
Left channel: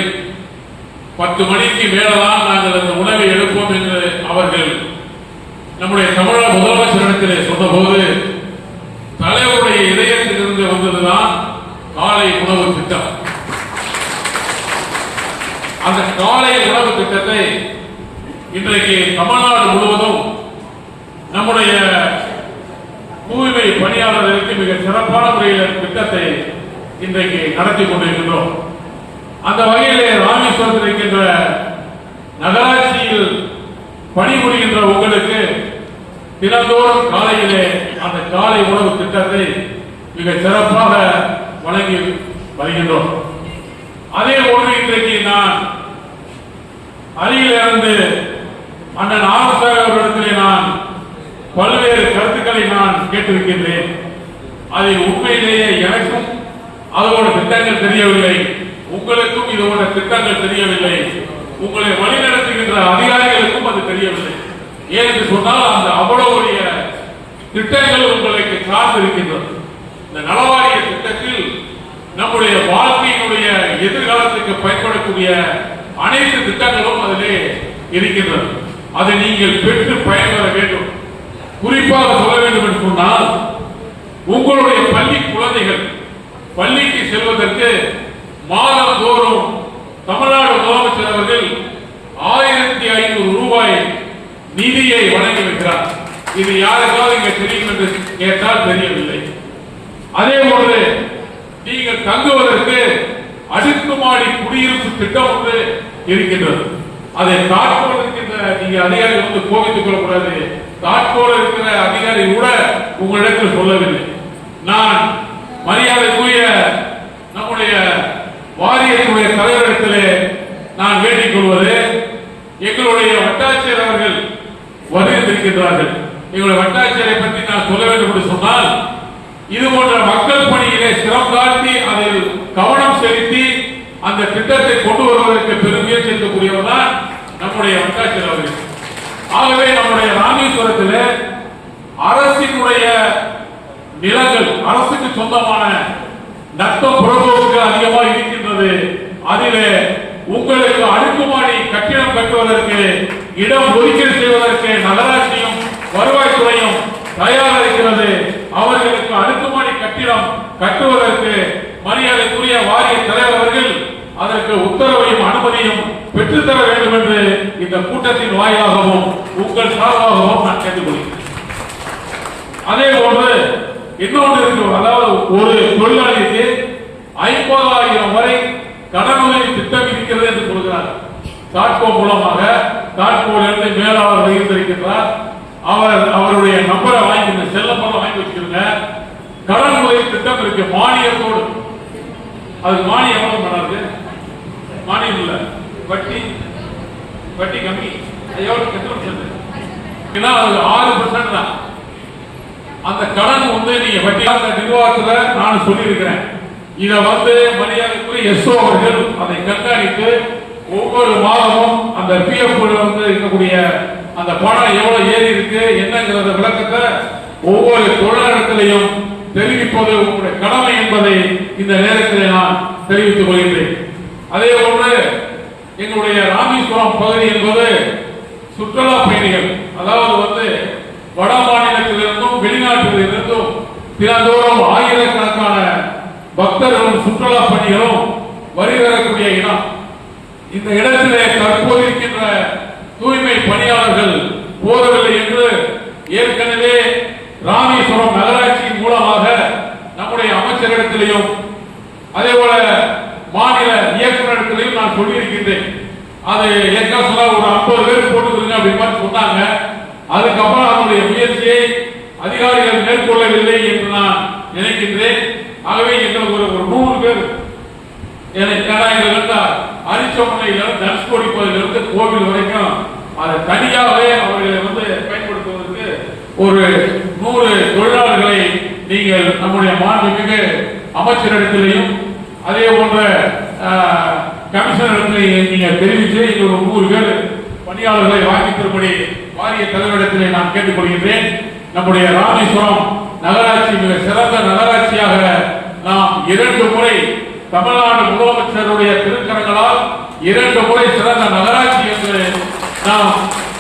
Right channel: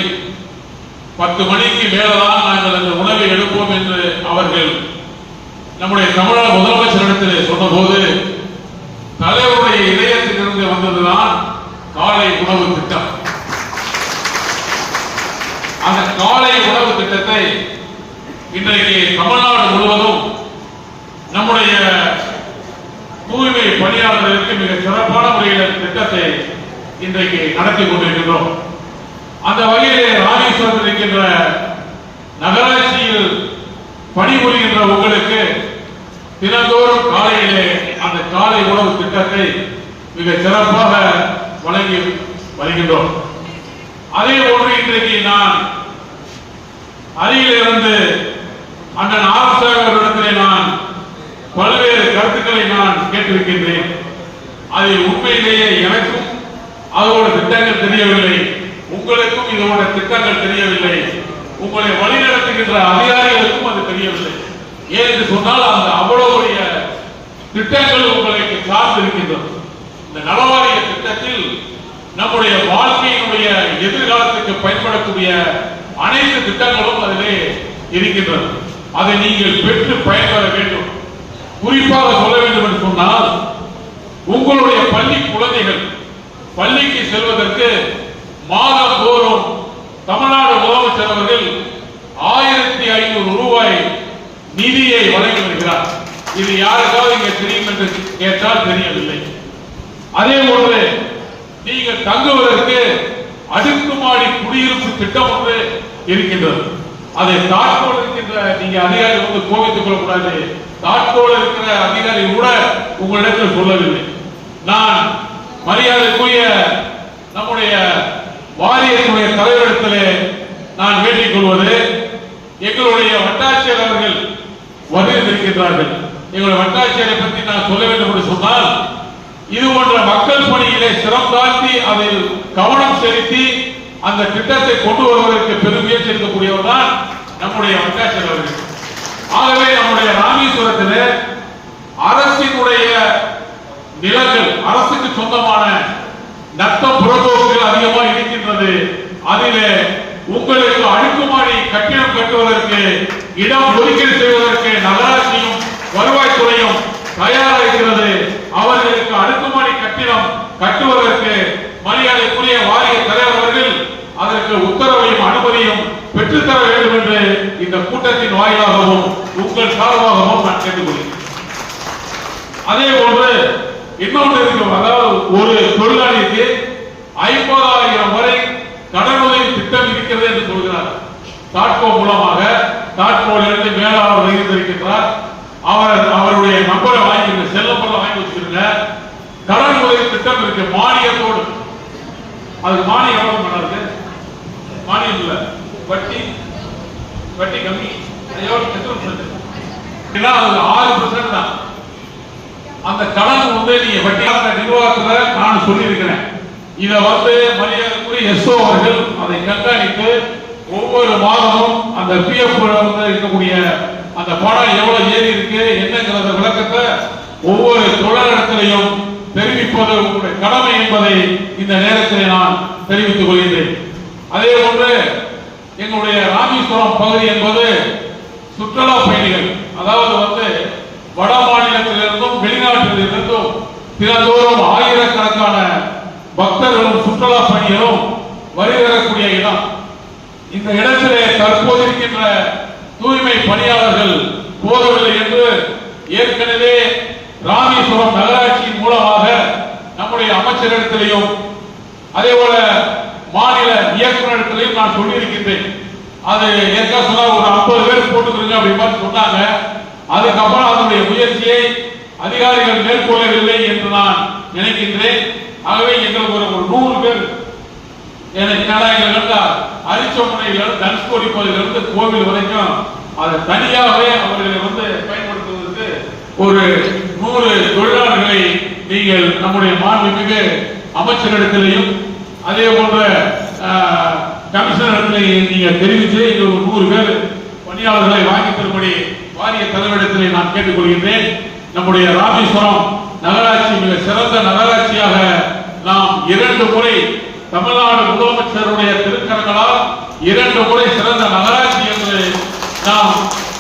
10 மணிக்கு மேலதான் நாங்கள் அந்த உணவை எடுப்போம் என்று அவர்கள் நம்முடைய தமிழக முதலமைச்சரிடத்திலே சொன்னபோது, தலைவருடைய இதயத்திலிருந்து வந்ததுதான் காலை உணவு திட்டம். அந்த காலை உணவு திட்டத்தை இன்றைக்கு தமிழ்நாடு முழுவதும் நம்முடைய தூய்மை பணியாளர்களுக்கு மிக சிறப்பான முறையில் திட்டத்தை இன்றைக்கு நடத்தி கொண்டிருக்கிறோம். அந்த வகையிலே ராமேஸ்வரத்தில் இருக்கின்ற நகராட்சியில் பணிபுரிகின்ற உங்களுக்கு தினந்தோறும் காலையிலே அந்த காலை உணவு திட்டத்தை மிக சிறப்பாக வழங்கி வருகின்றோம். அதே போன்று இன்றைக்கு நான் அருகிலிருந்து அண்ணன் ஆர்வலர்களிடத்திலே நான் பல்வேறு கருத்துக்களை நான் கேட்டிருக்கின்றேன். அதில் உண்மையிலேயே எனக்கும் அதோட திட்டங்கள் தெரியவில்லை, உங்களுக்கும் இதோட திட்டங்கள் தெரியவில்லை, உங்களை வழிநடத்துகின்ற அதிகாரிகளுக்கும் அது தெரியவில்லை. ஏனென்று சொன்னால் அந்த அவ்வளவுடைய திட்டங்கள் உங்களுக்கு சார்ந்திருக்கின்றது. இந்த நலவாரிய திட்டத்தில் நம்முடைய வாழ்க்கையினுடைய எதிர்காலத்துக்கு பயன்படக்கூடிய அனைத்து திட்டங்களும் அதிலே இருக்கின்றது. அதை நீங்கள் பெற்று பயன்பெற வேண்டும். குறிப்பாக சொல்ல வேண்டும் என்று சொன்னால், உங்களுடைய பள்ளி குழந்தைகள் பள்ளிக்கு செல்வதற்கு மாதந்தோறும் தமிழ்நாடு முதலமைச்சர் அவர்கள் 1500 ரூபாய் நிதியை வழங்கி வருகிறார். இது யாருக்காவது இங்கே தெரியும் என்று கேட்டால் தெரியவில்லை. அதே போன்று நீங்கள் தங்குவதற்கு அடுக்குமாடி குடியிருப்பு திட்டம் ஒன்று இருக்கின்றது. அதை தாட்கோடு இருக்கின்ற நீங்க அதிகாரி வந்து கோபித்துக் கொள்ளக்கூடாது. தாட்கோடு இருக்கிற அதிகாரி கூட உங்களிடத்தில் சொல்லவில்லை. நான் மரியாதைக்குரிய நம்முடைய வாரியத்தினுடைய தலைவரிடத்திலே நான் வேண்டிக் கொள்வது, எங்களுடைய வட்டாட்சியர் அவர்கள் வருகின்றிருக்கின்றார்கள். எங்களுடைய வட்டாட்சியரை பற்றி நான் சொல்ல வேண்டும் என்று சொன்னால், இது போன்ற மக்கள் பணியிலே சிரம் காட்டி அதில் கவனம் செலுத்தி அந்த திட்டத்தை கொண்டு வருவதற்கு பெருமுயற்சி எடுக்கக்கூடியவர் தான் நம்முடைய வட்டாட்சியர் அவர்கள். ஆகவே நம்முடைய ராமேஸ்வரத்தில் அரசினுடைய நிலங்கள், அரசுக்கு சொந்தமான நத்தம் புறம்போக்கு அதிகமாக இருக்கின்றது. அதிலே உங்களுக்கு அடுக்குமாடி கட்டிடம் கட்டுவதற்கு இடம் ஒதுக்கீடு செய்வதற்கு நகராட்சியும் வருவாய்த்துறையும் தயாராக இருக்கிறது. அவர்களுக்கு அடுக்குமாடி கட்டிடம் கட்டுவதற்கு மரியாதைக்குரிய வாரிய தலைவர் அவர்கள் அதற்கு உத்தரவையும் அனுமதியும் பெற்றுத்தர வேண்டும் என்று இந்த கூட்டத்தின் வாயிலாகவும் உங்கள் சார்பாகவும் நான் கேட்டுக்கொள்கிறேன். அதே போன்று இன்னொன்று இருக்கும். அதாவது ஒரு தொழிலாளிக்கு 50 தாட்கோ மூலமாக தாட்கோலிருந்து மேலாளர் இருந்திருக்கிறார். அவருடைய நம்பரை வாங்கி செல்லப்பெல்லாம் வாங்கி வச்சிருங்க. கடன் உதவி திட்டம் இருக்கு, மானியத்தோடு. அது மானியம் எவ்வளவு பண்ணாரு? மானியம் இல்ல, வட்டி கம்மி. அது 6% தான். அந்த கடன் வந்து நீங்க வட்டியாக நிர்வாகத்தில் நான் சொல்லியிருக்கிறேன். இதை மரியாதைக்குரிய எஸ்ஓ அவர்கள் அதை கண்காணித்து ஒவ்வொரு மாதமும் அந்த பிஎஃப் இருக்கக்கூடிய அந்த பணம் எவ்வளவு ஏறி இருக்கு என்னங்கிறத விளக்கத்தை ஒவ்வொரு தொழிலிடத்திலையும் தெரிவிப்பது உங்களுடைய கடமை என்பதை இந்த நேரத்தில் நான் தெரிவித்துக் கொள்கிறேன். அதே போன்று எங்களுடைய ராமேஸ்வரம் பகுதி என்பது சுற்றுலா பயணிகள், அதாவது வட மாநிலத்திலிருந்தும் வெளிநாட்டிலிருந்தும் தினந்தோறும் ஆயிரக்கணக்கான பக்தர்களும் சுற்றுலா பயணிகளும் வருகிறக்கூடிய இடம். இந்த இடத்திலே தற்போது இருக்கின்ற தூய்மை பணியாளர்கள் போதவில்லை என்று ஏற்கனவே ராமேஸ்வரம் நகராட்சியின் மூலமாக நம்முடைய அமைச்சரிடத்திலையும் அதே போல மாநில இயக்குநரிடத்திலையும் நான் சொல்லியிருக்கின்றேன். அது ஏற்கனவே ஒரு 50 பேர் போட்டுக்கிறீங்க அப்படின்னு சொன்னாங்க. அதுக்கப்புறம் அதனுடைய முயற்சியை அதிகாரிகள் மேற்கொள்ளவில்லை என்று நான் நினைக்கின்றேன். ஆகவே எங்களுக்கு ஒரு 100 பேர் அரிச்சோமனையிலிருந்து தனுஷ்கோடி பகுதியிலிருந்து கோவில் வரைக்கும் அதை தனியாகவே அவர்களை பயன்படுத்துவதற்கு ஒரு 100 தொழிலாளர்களை நீங்கள் நம்முடைய மாண்புமிகு அமைச்சரிடத்திலையும் அதே போன்ற கமிஷனரிடத்திலையும் நீங்கள் தெரிவித்து ஒரு 100 பேர் பணியாளர்களை வாங்கி தரும்படி வாரிய தலைவரிடத்திலே நான் கேட்டுக்கொள்கின்றேன். நம்முடைய ராமேஸ்வரம் நகராட்சி மிக சிறந்த நகராட்சியாக நாம் 2 முறை தமிழ்நாடு முதலமைச்சருடைய திருக்கரங்களால் 2 முறை சிறந்த நகராட்சி என்று நாம்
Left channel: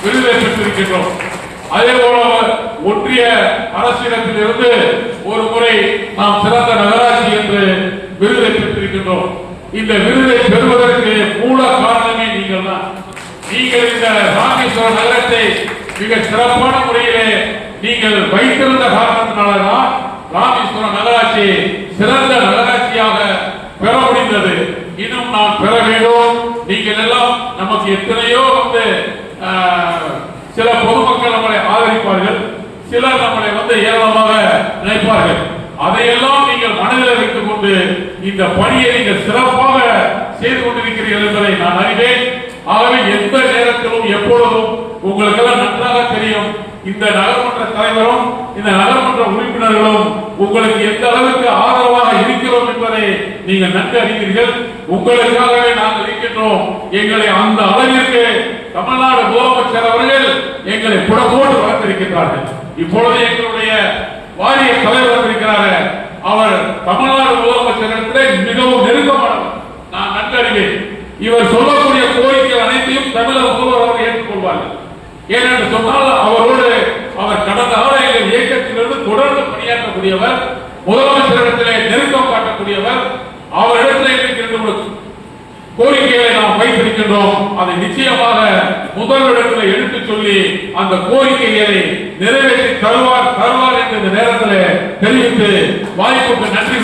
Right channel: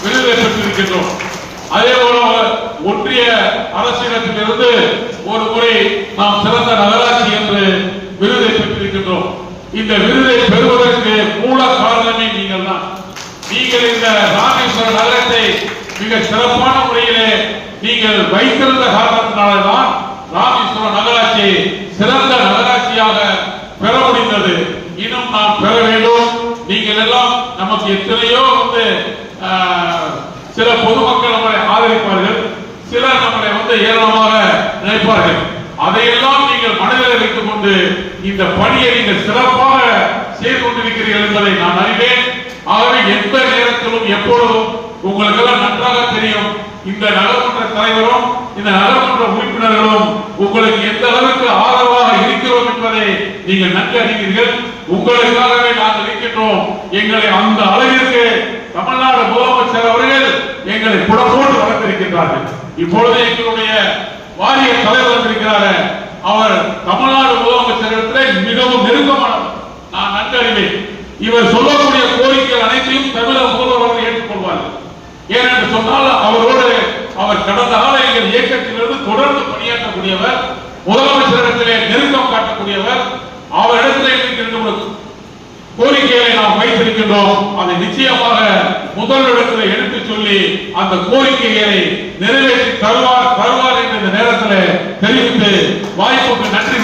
விருதை பெற்றிருக்கின்றோம். அதே போல ஒன்றிய அரசிடத்திலிருந்து ஒரு முறை நாம் சிறந்த நகராட்சி என்று விருதை பெற்றிருக்கின்றோம். இந்த விருதை பெறுவதற்கு மூல காரணமே நீங்கள் தான். நீங்கள் இந்த ராமேஸ்வர நகரத்தை மிக சிறப்பான முறையிலே நீங்கள் வைத்திருந்த காரணத்தினால்தான் ராமேஸ்வர நகராட்சி சிறந்த நகராட்சியாக பெற முடிந்தது. இன்னும் நாம் பெற வேண்டும். நீங்கள் எல்லாம் நமக்கு எத்தனையோ சில பொதுமக்கள் நம்மளை ஆதரிப்பார்கள், சிலர் நம்மளை ஏராளமாக நினைப்பார்கள். அதையெல்லாம் நீங்கள் மனதில் வைத்துக் கொண்டு இந்த பணியை நீங்கள் சிறப்பாக செய்து கொண்டிருக்கிறீர்கள் என்பதை நான் அறிவேன். ஆகவே எந்த நேரத்திலும் எப்பொழுதும் உங்களுக்கு எல்லாம் நன்றாக தெரியும். இந்த நகர்மன்ற தலைவரும் இந்த நகர்மன்ற உறுப்பினர்களும் உங்களுக்கு எந்த அளவுக்கு ஆதரவாக இருக்கிறோம் என்பதை நீங்கள் நன்கு அறிவீர்கள். உங்களுக்காகவே நாங்கள் இருக்கின்றோம். எங்களை அந்த அளவிற்கு தமிழ்நாடு முதலமைச்சர் அவர்கள் எங்களை புடம்போடு வளர்த்திருக்கின்றார்கள். இப்பொழுது எங்களுடைய வாரிய தலைவர் இருக்கிறார், அவர் தமிழ்நாடு முதலமைச்சரிடத்திலே மிகவும் நெருக்கமானவர். நான் நன்கு அறிவேன். இவர் சொல்லக்கூடிய கோரிக்கைகள் அனைத்தையும் தமிழக முதல்வர் அவர்கள் ஏற்றுக்கொள்வார்கள். ஏனென்று சொன்னால் அவர் கடந்த காலங்களில் இயக்கத்திலிருந்து தொடர்ந்து பணியாற்றக்கூடியவர், முதலமைச்சரிடத்திலே நெருக்கம் காட்டக்கூடியவர். அவரிடத்திலே இருக்கின்ற கோரிக்கைகளை நாம் வைத்திருக்கின்றோம். அதை நிச்சயமாக முதல்வரிடத்தில் எடுத்துச் சொல்லி அந்த கோரிக்கைகளை நிறைவேற்றி தருவார் என்ற இந்த நேரத்தில் தெரிவித்து வாய்ப்புக்கு நன்றி.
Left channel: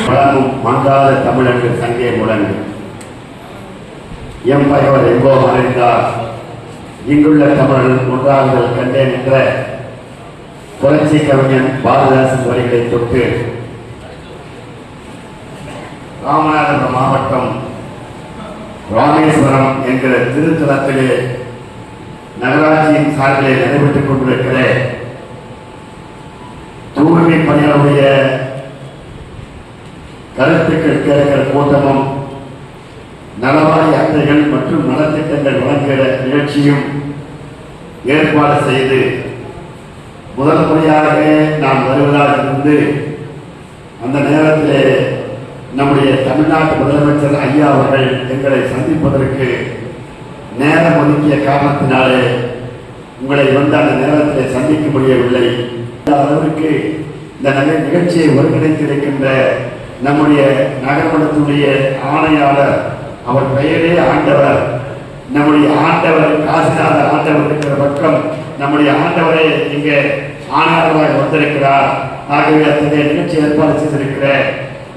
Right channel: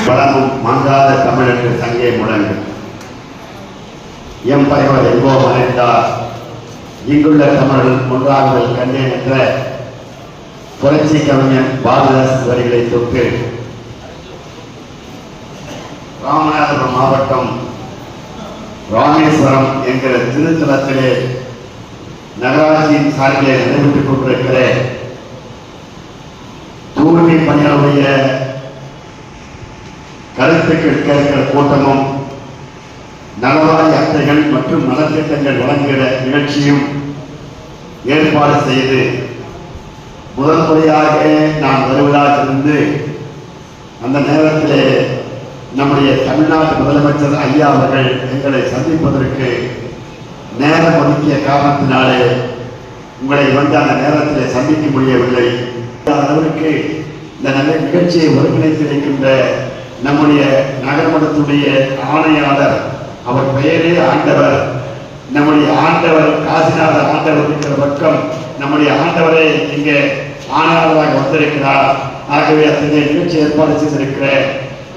மங்காத தமிழ் சங்கே முழங்கு எம் பகைவர் எங்கோ மறைந்தார், இங்குள்ள தமிழர்கள் ஒன்றாகுதல் கண்டேன் என்ற புரட்சி கவிஞன் பாரதிதாசன் வரிகளை தொட்டு ராமநாதபுரம் மாவட்டம் ராமேஸ்வரம் என்கிற திருத்தலத்திலே நகராட்சியின் சார்பிலே நடைபெற்றுக் கொண்டிருக்கிற தூய்மை பணியாளருடைய கருத்துக்கள் கேட்கிற கூட்டமும் நலவாரி அட்டைகள் மற்றும் நலத்திட்டங்கள் வழங்குகிற நிகழ்ச்சியும் ஏற்பாடு செய்து முதல் முறையாக நாம் வருவதாக இருந்து அந்த நேரத்திலே நம்முடைய தமிழ்நாட்டு முதலமைச்சர் ஐயா அவர்கள் எங்களை சந்திப்பதற்கு நேரம் ஒதுக்கிய காரணத்தினாலே உங்களை அந்த நேரத்திலே சந்திக்க முடியவில்லை. அளவிற்கு இந்த நிகழ்ச்சியை ஒருங்கிணைத்திருக்கின்ற நம்முடைய நகர்மன்றத்துடைய ஆணையாளர், அவர் பெயரே ஆண்டவர், நம்முடைய ஆண்டவர் காசிநாத ஆண்டவர் இருக்கிற பக்கம் நம்முடைய ஆண்டவரை இங்கே ஆணையாளராக வந்திருக்கிறார். ஆகவே அத்தகைய நிகழ்ச்சி ஏற்பாடு செய்திருக்கிற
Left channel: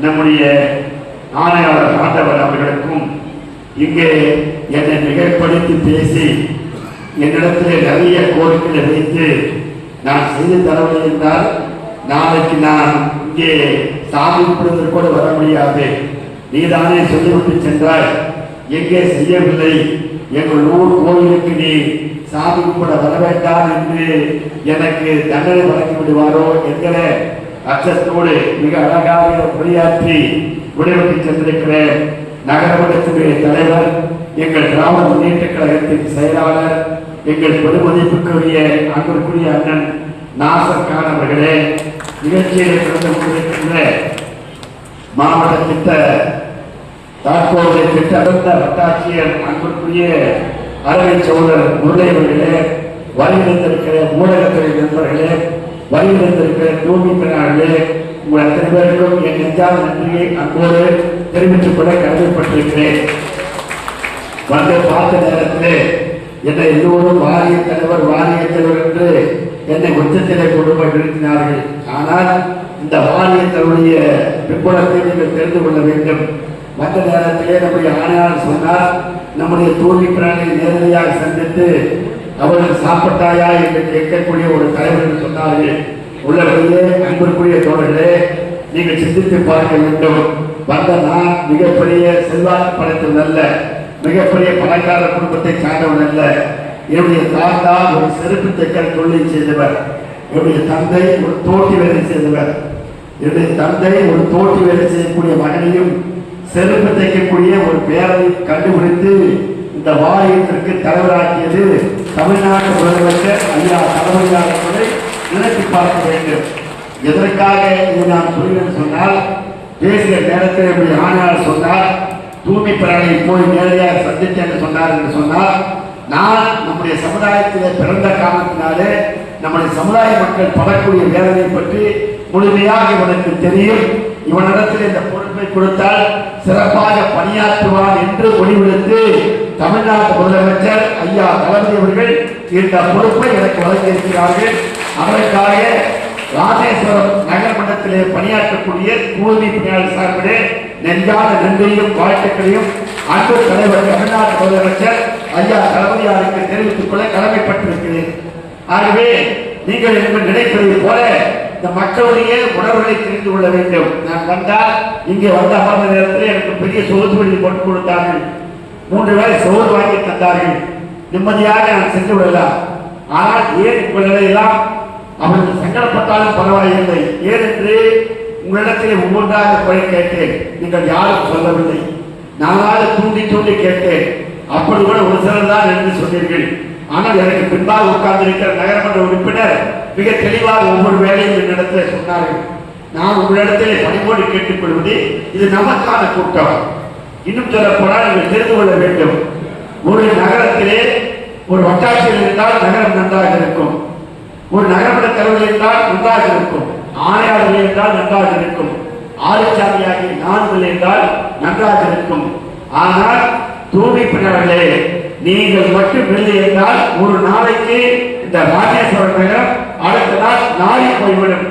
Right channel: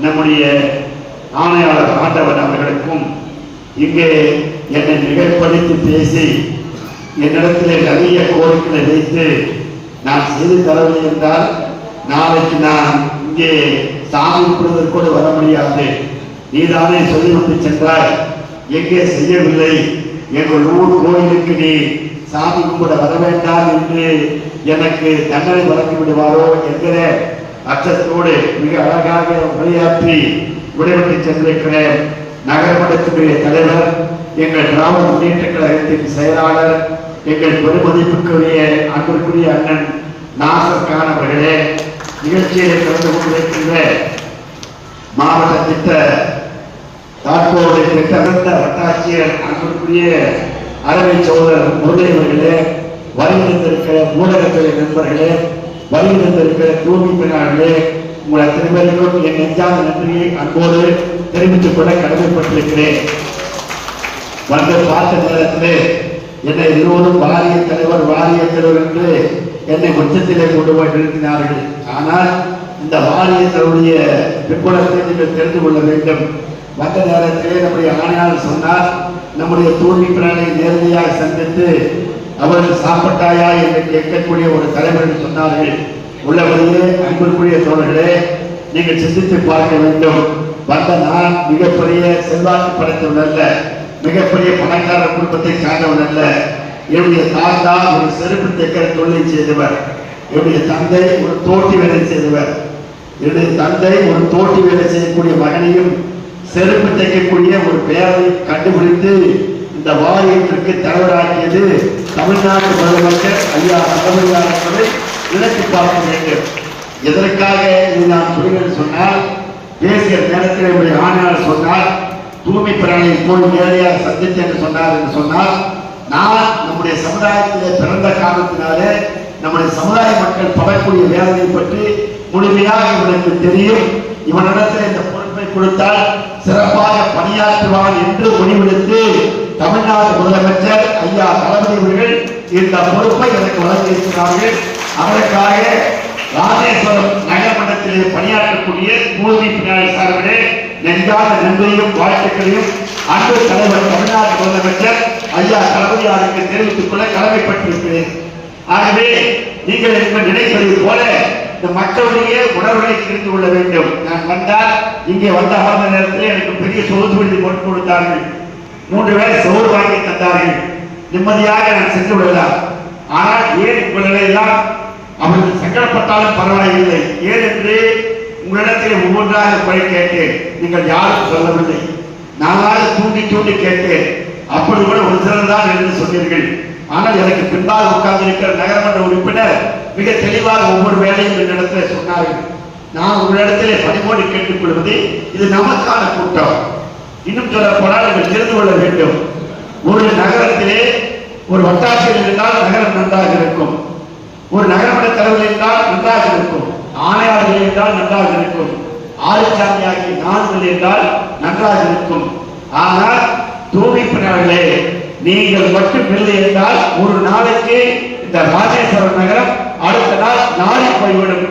நம்முடைய ஆணையாளர் ஆண்டவர் அவர்களுக்கும் இங்கே என்னை மிகைப்படுத்தி பேசி என்னிடத்தில் நிறைய கோரிக்கைகளை வைத்து நான் செய்து தரவில்லை என்றால் நாளைக்கு நான் இங்கே சாமி கும்பிடுவதற்கு கூட வர முடியாது. நீதானே சொல்லிவிட்டு சென்றாய், எங்கே செய்யவில்லை, எங்கள் ஊர் கோயிலுக்கு நீ சாமி கும்பிட வர வேண்டாம் என்று எனக்கு தண்டனை வழங்கி விடுவாரோ என்கிற அச்சத்தோடு மிக அழகாக உரையாற்றி விடைபெற்று சென்றிருக்கிற நகரமன்றத்தினுடைய தலைவர், எங்கள் கிராம முன்னேற்ற கழகத்தின் செயலாளர், எங்கள் பெருமதிப்புக்குரிய அன்புக்குரிய அண்ணன் நாசர் கான் அவர்களே, நிகழ்ச்சியில் கலந்து கொண்டிருக்கின்ற மாவட்ட திட்ட தாக்கோடு திட்டமிட்ட வட்டாட்சியர் அன்புக்குரிய அறவை சோழர் முருகையவர்களே, வருகின்றிருக்கிற ஊடகத்துறை நண்பர்களே, வருகின்றிருக்கிற தூய்மை பெறார்களே, உங்கள் அத்தனை பேருக்கும் என் நெஞ்சாத நன்றியை அன்போடு தெரிவித்துக் கொள்ள கடமைப்பட்டிருக்கிறேன். வந்து பார்த்த நேரத்திலே என்னை எல்லோரும் வாரிய தலைவர் என்று என்னை உச்சத்திலே கொண்டு போய் நிறுத்தினார்கள். ஆனால் இந்த வாரியத்தினுடைய பின்புலத்தை நீங்கள் தெரிந்து கொள்ள வேண்டும். மற்ற நேரத்திலே நம்முடைய ஆணையாளர் சொன்னார், நம்முடைய தூய்மை பிராணியை நேரடியாக சந்தித்து அவர்கள் சாப்பிட்டாயா என்று கேட்கக்கூடிய ஒரு தலைவர் சொன்னார்கள். உள்ளபடியே அன்புக்குரிய தோழர்களே, நீங்கள் சிந்தித்து பார்க்க வேண்டும். வந்த நான் மிகப்பெரிய செல்வாக்கு படைத்தவன் அல்ல, மிகப்பெரிய பணக்கார குடும்பத்தை சார்ந்தவன் அல்ல. என்னுடைய தாத்தா ஒரு செருப்பு தைக்கிற தொழிலை செய்தவர், என்னுடைய தந்தை ஒரு தோட்டி வேலை செய்தவர், என்னுடைய தந்தை ஒரு தோட்டி வேலை செய்யக்கூடிய மகனையும் செருப்பு தைக்கக்கூடிய ஒரு பேரை கண்டுபிடித்து இந்த வாரியத்திற்கு தலைவராக்கியது தமிழ்நாடு முதலமைச்சர் ஐயா தலைமையாளர்களை நினைத்து பார்க்க வேண்டும். எதற்காக இதை நான் சொல்கிறேன் சொன்னால், பேசிய நேரத்தில் என்னுடைய ஆணையாளர் சொன்னார், தூய்மை பிராணியை போய் நேரடியாக சந்தித்து என்று சொன்னார் என்று சொன்னால், நான் நம்முடைய சமுதாயத்திலே பிறந்த காரணத்தினாலே நம்முடைய சமுதாய மக்கள் படக்கூடிய வேதனை பற்றி முழுமையாக இவனுக்கு தெரியும். இவனிடத்தில் இந்த பொறுப்பை கொடுத்தால் சிறப்பாக பணியாற்றுவான் என்று முடிவெடுத்து தமிழ்நாடு முதலமைச்சர் ஐயா தளபதி அவர்கள் இந்த பொறுப்பை எனக்கு வழங்கியிருக்கிறார்கள். அதற்காக ராமேஸ்வரம் நகரமன்றத்திலே பணியாற்றக்கூடிய தூய்மை பணியாளர் சார்பிலே நெஞ்சாத நன்றியும் வாழ்த்துக்களையும் அன்பு தலைவர் தமிழ்நாடு முதலமைச்சர் ஐயா தளபதியாருக்கு தெரிவித்துக் கொள்ள கடமைப்பட்டிருக்கிறேன். ஆகவே நீங்கள் என்று நினைப்பது போல இந்த மக்களுடைய உணர்வுகளை தெரிந்து கொள்ள வேண்டும். நான் வந்தால் இங்கே வந்த அமர்ந்த நேரத்தில் எனக்கு பெரிய சோறு போட்டு கொடுத்தார்கள், 3 வேளை சோறு வாங்கி தந்தார்கள். நிம்மதியாக நான் சென்று விடலாம். ஆனால் ஏன் உங்களை எல்லாம் அவர்கள் சங்கடப்பட்டாலும் பரவாயில்லை, ஏனென்று உங்களிடத்தில் ஒவ்வொன்றாக குறை கேட்டேன். நீங்கள் யாரும் சொல்லவில்லை. நானாக தூண்டி கேட்டேன். அப்படி கூட ஒரு சிலர் தான் என்று சொன்னீர்கள். ஆனால் எனக்கு பின்பாக உட்கார்ந்திருக்கிற நகரமன்ற உறுப்பினர் மிக தெளிவாக ஒவ்வொரு வேலையும் என்னிடத்தில் சொன்னார்கள். நான் உங்களிடத்தில் பணிபோடு கேட்டுக்கொள்வது, இது நமக்கான கூட்டம். இன்னும் சொல்லப்போனால் நீங்கள் தெரிந்து கொள்ள வேண்டும். ஒரு நகரத்திலே ஒரு வட்டாட்சியர் இருந்தால் நகரம் நன்றாக இருக்கும், ஒரு நகரமன்ற தலைவர் என்றால் நன்றாக இருக்கும், ஆணையாளர்கள் என்றால் நன்றாக இருக்கும், ஆளுச்சாமியாகி 4 என்றால் நன்றாக இருக்கும். ஆனால் தூய்மை பணியாளர்களே, நீங்கள் மட்டும் இல்லை என்றால் ஒரு நாளைக்கு இந்த ராமேஸ்வரம் நகரம் அடுத்த நாள் நாடி போய்விடும்.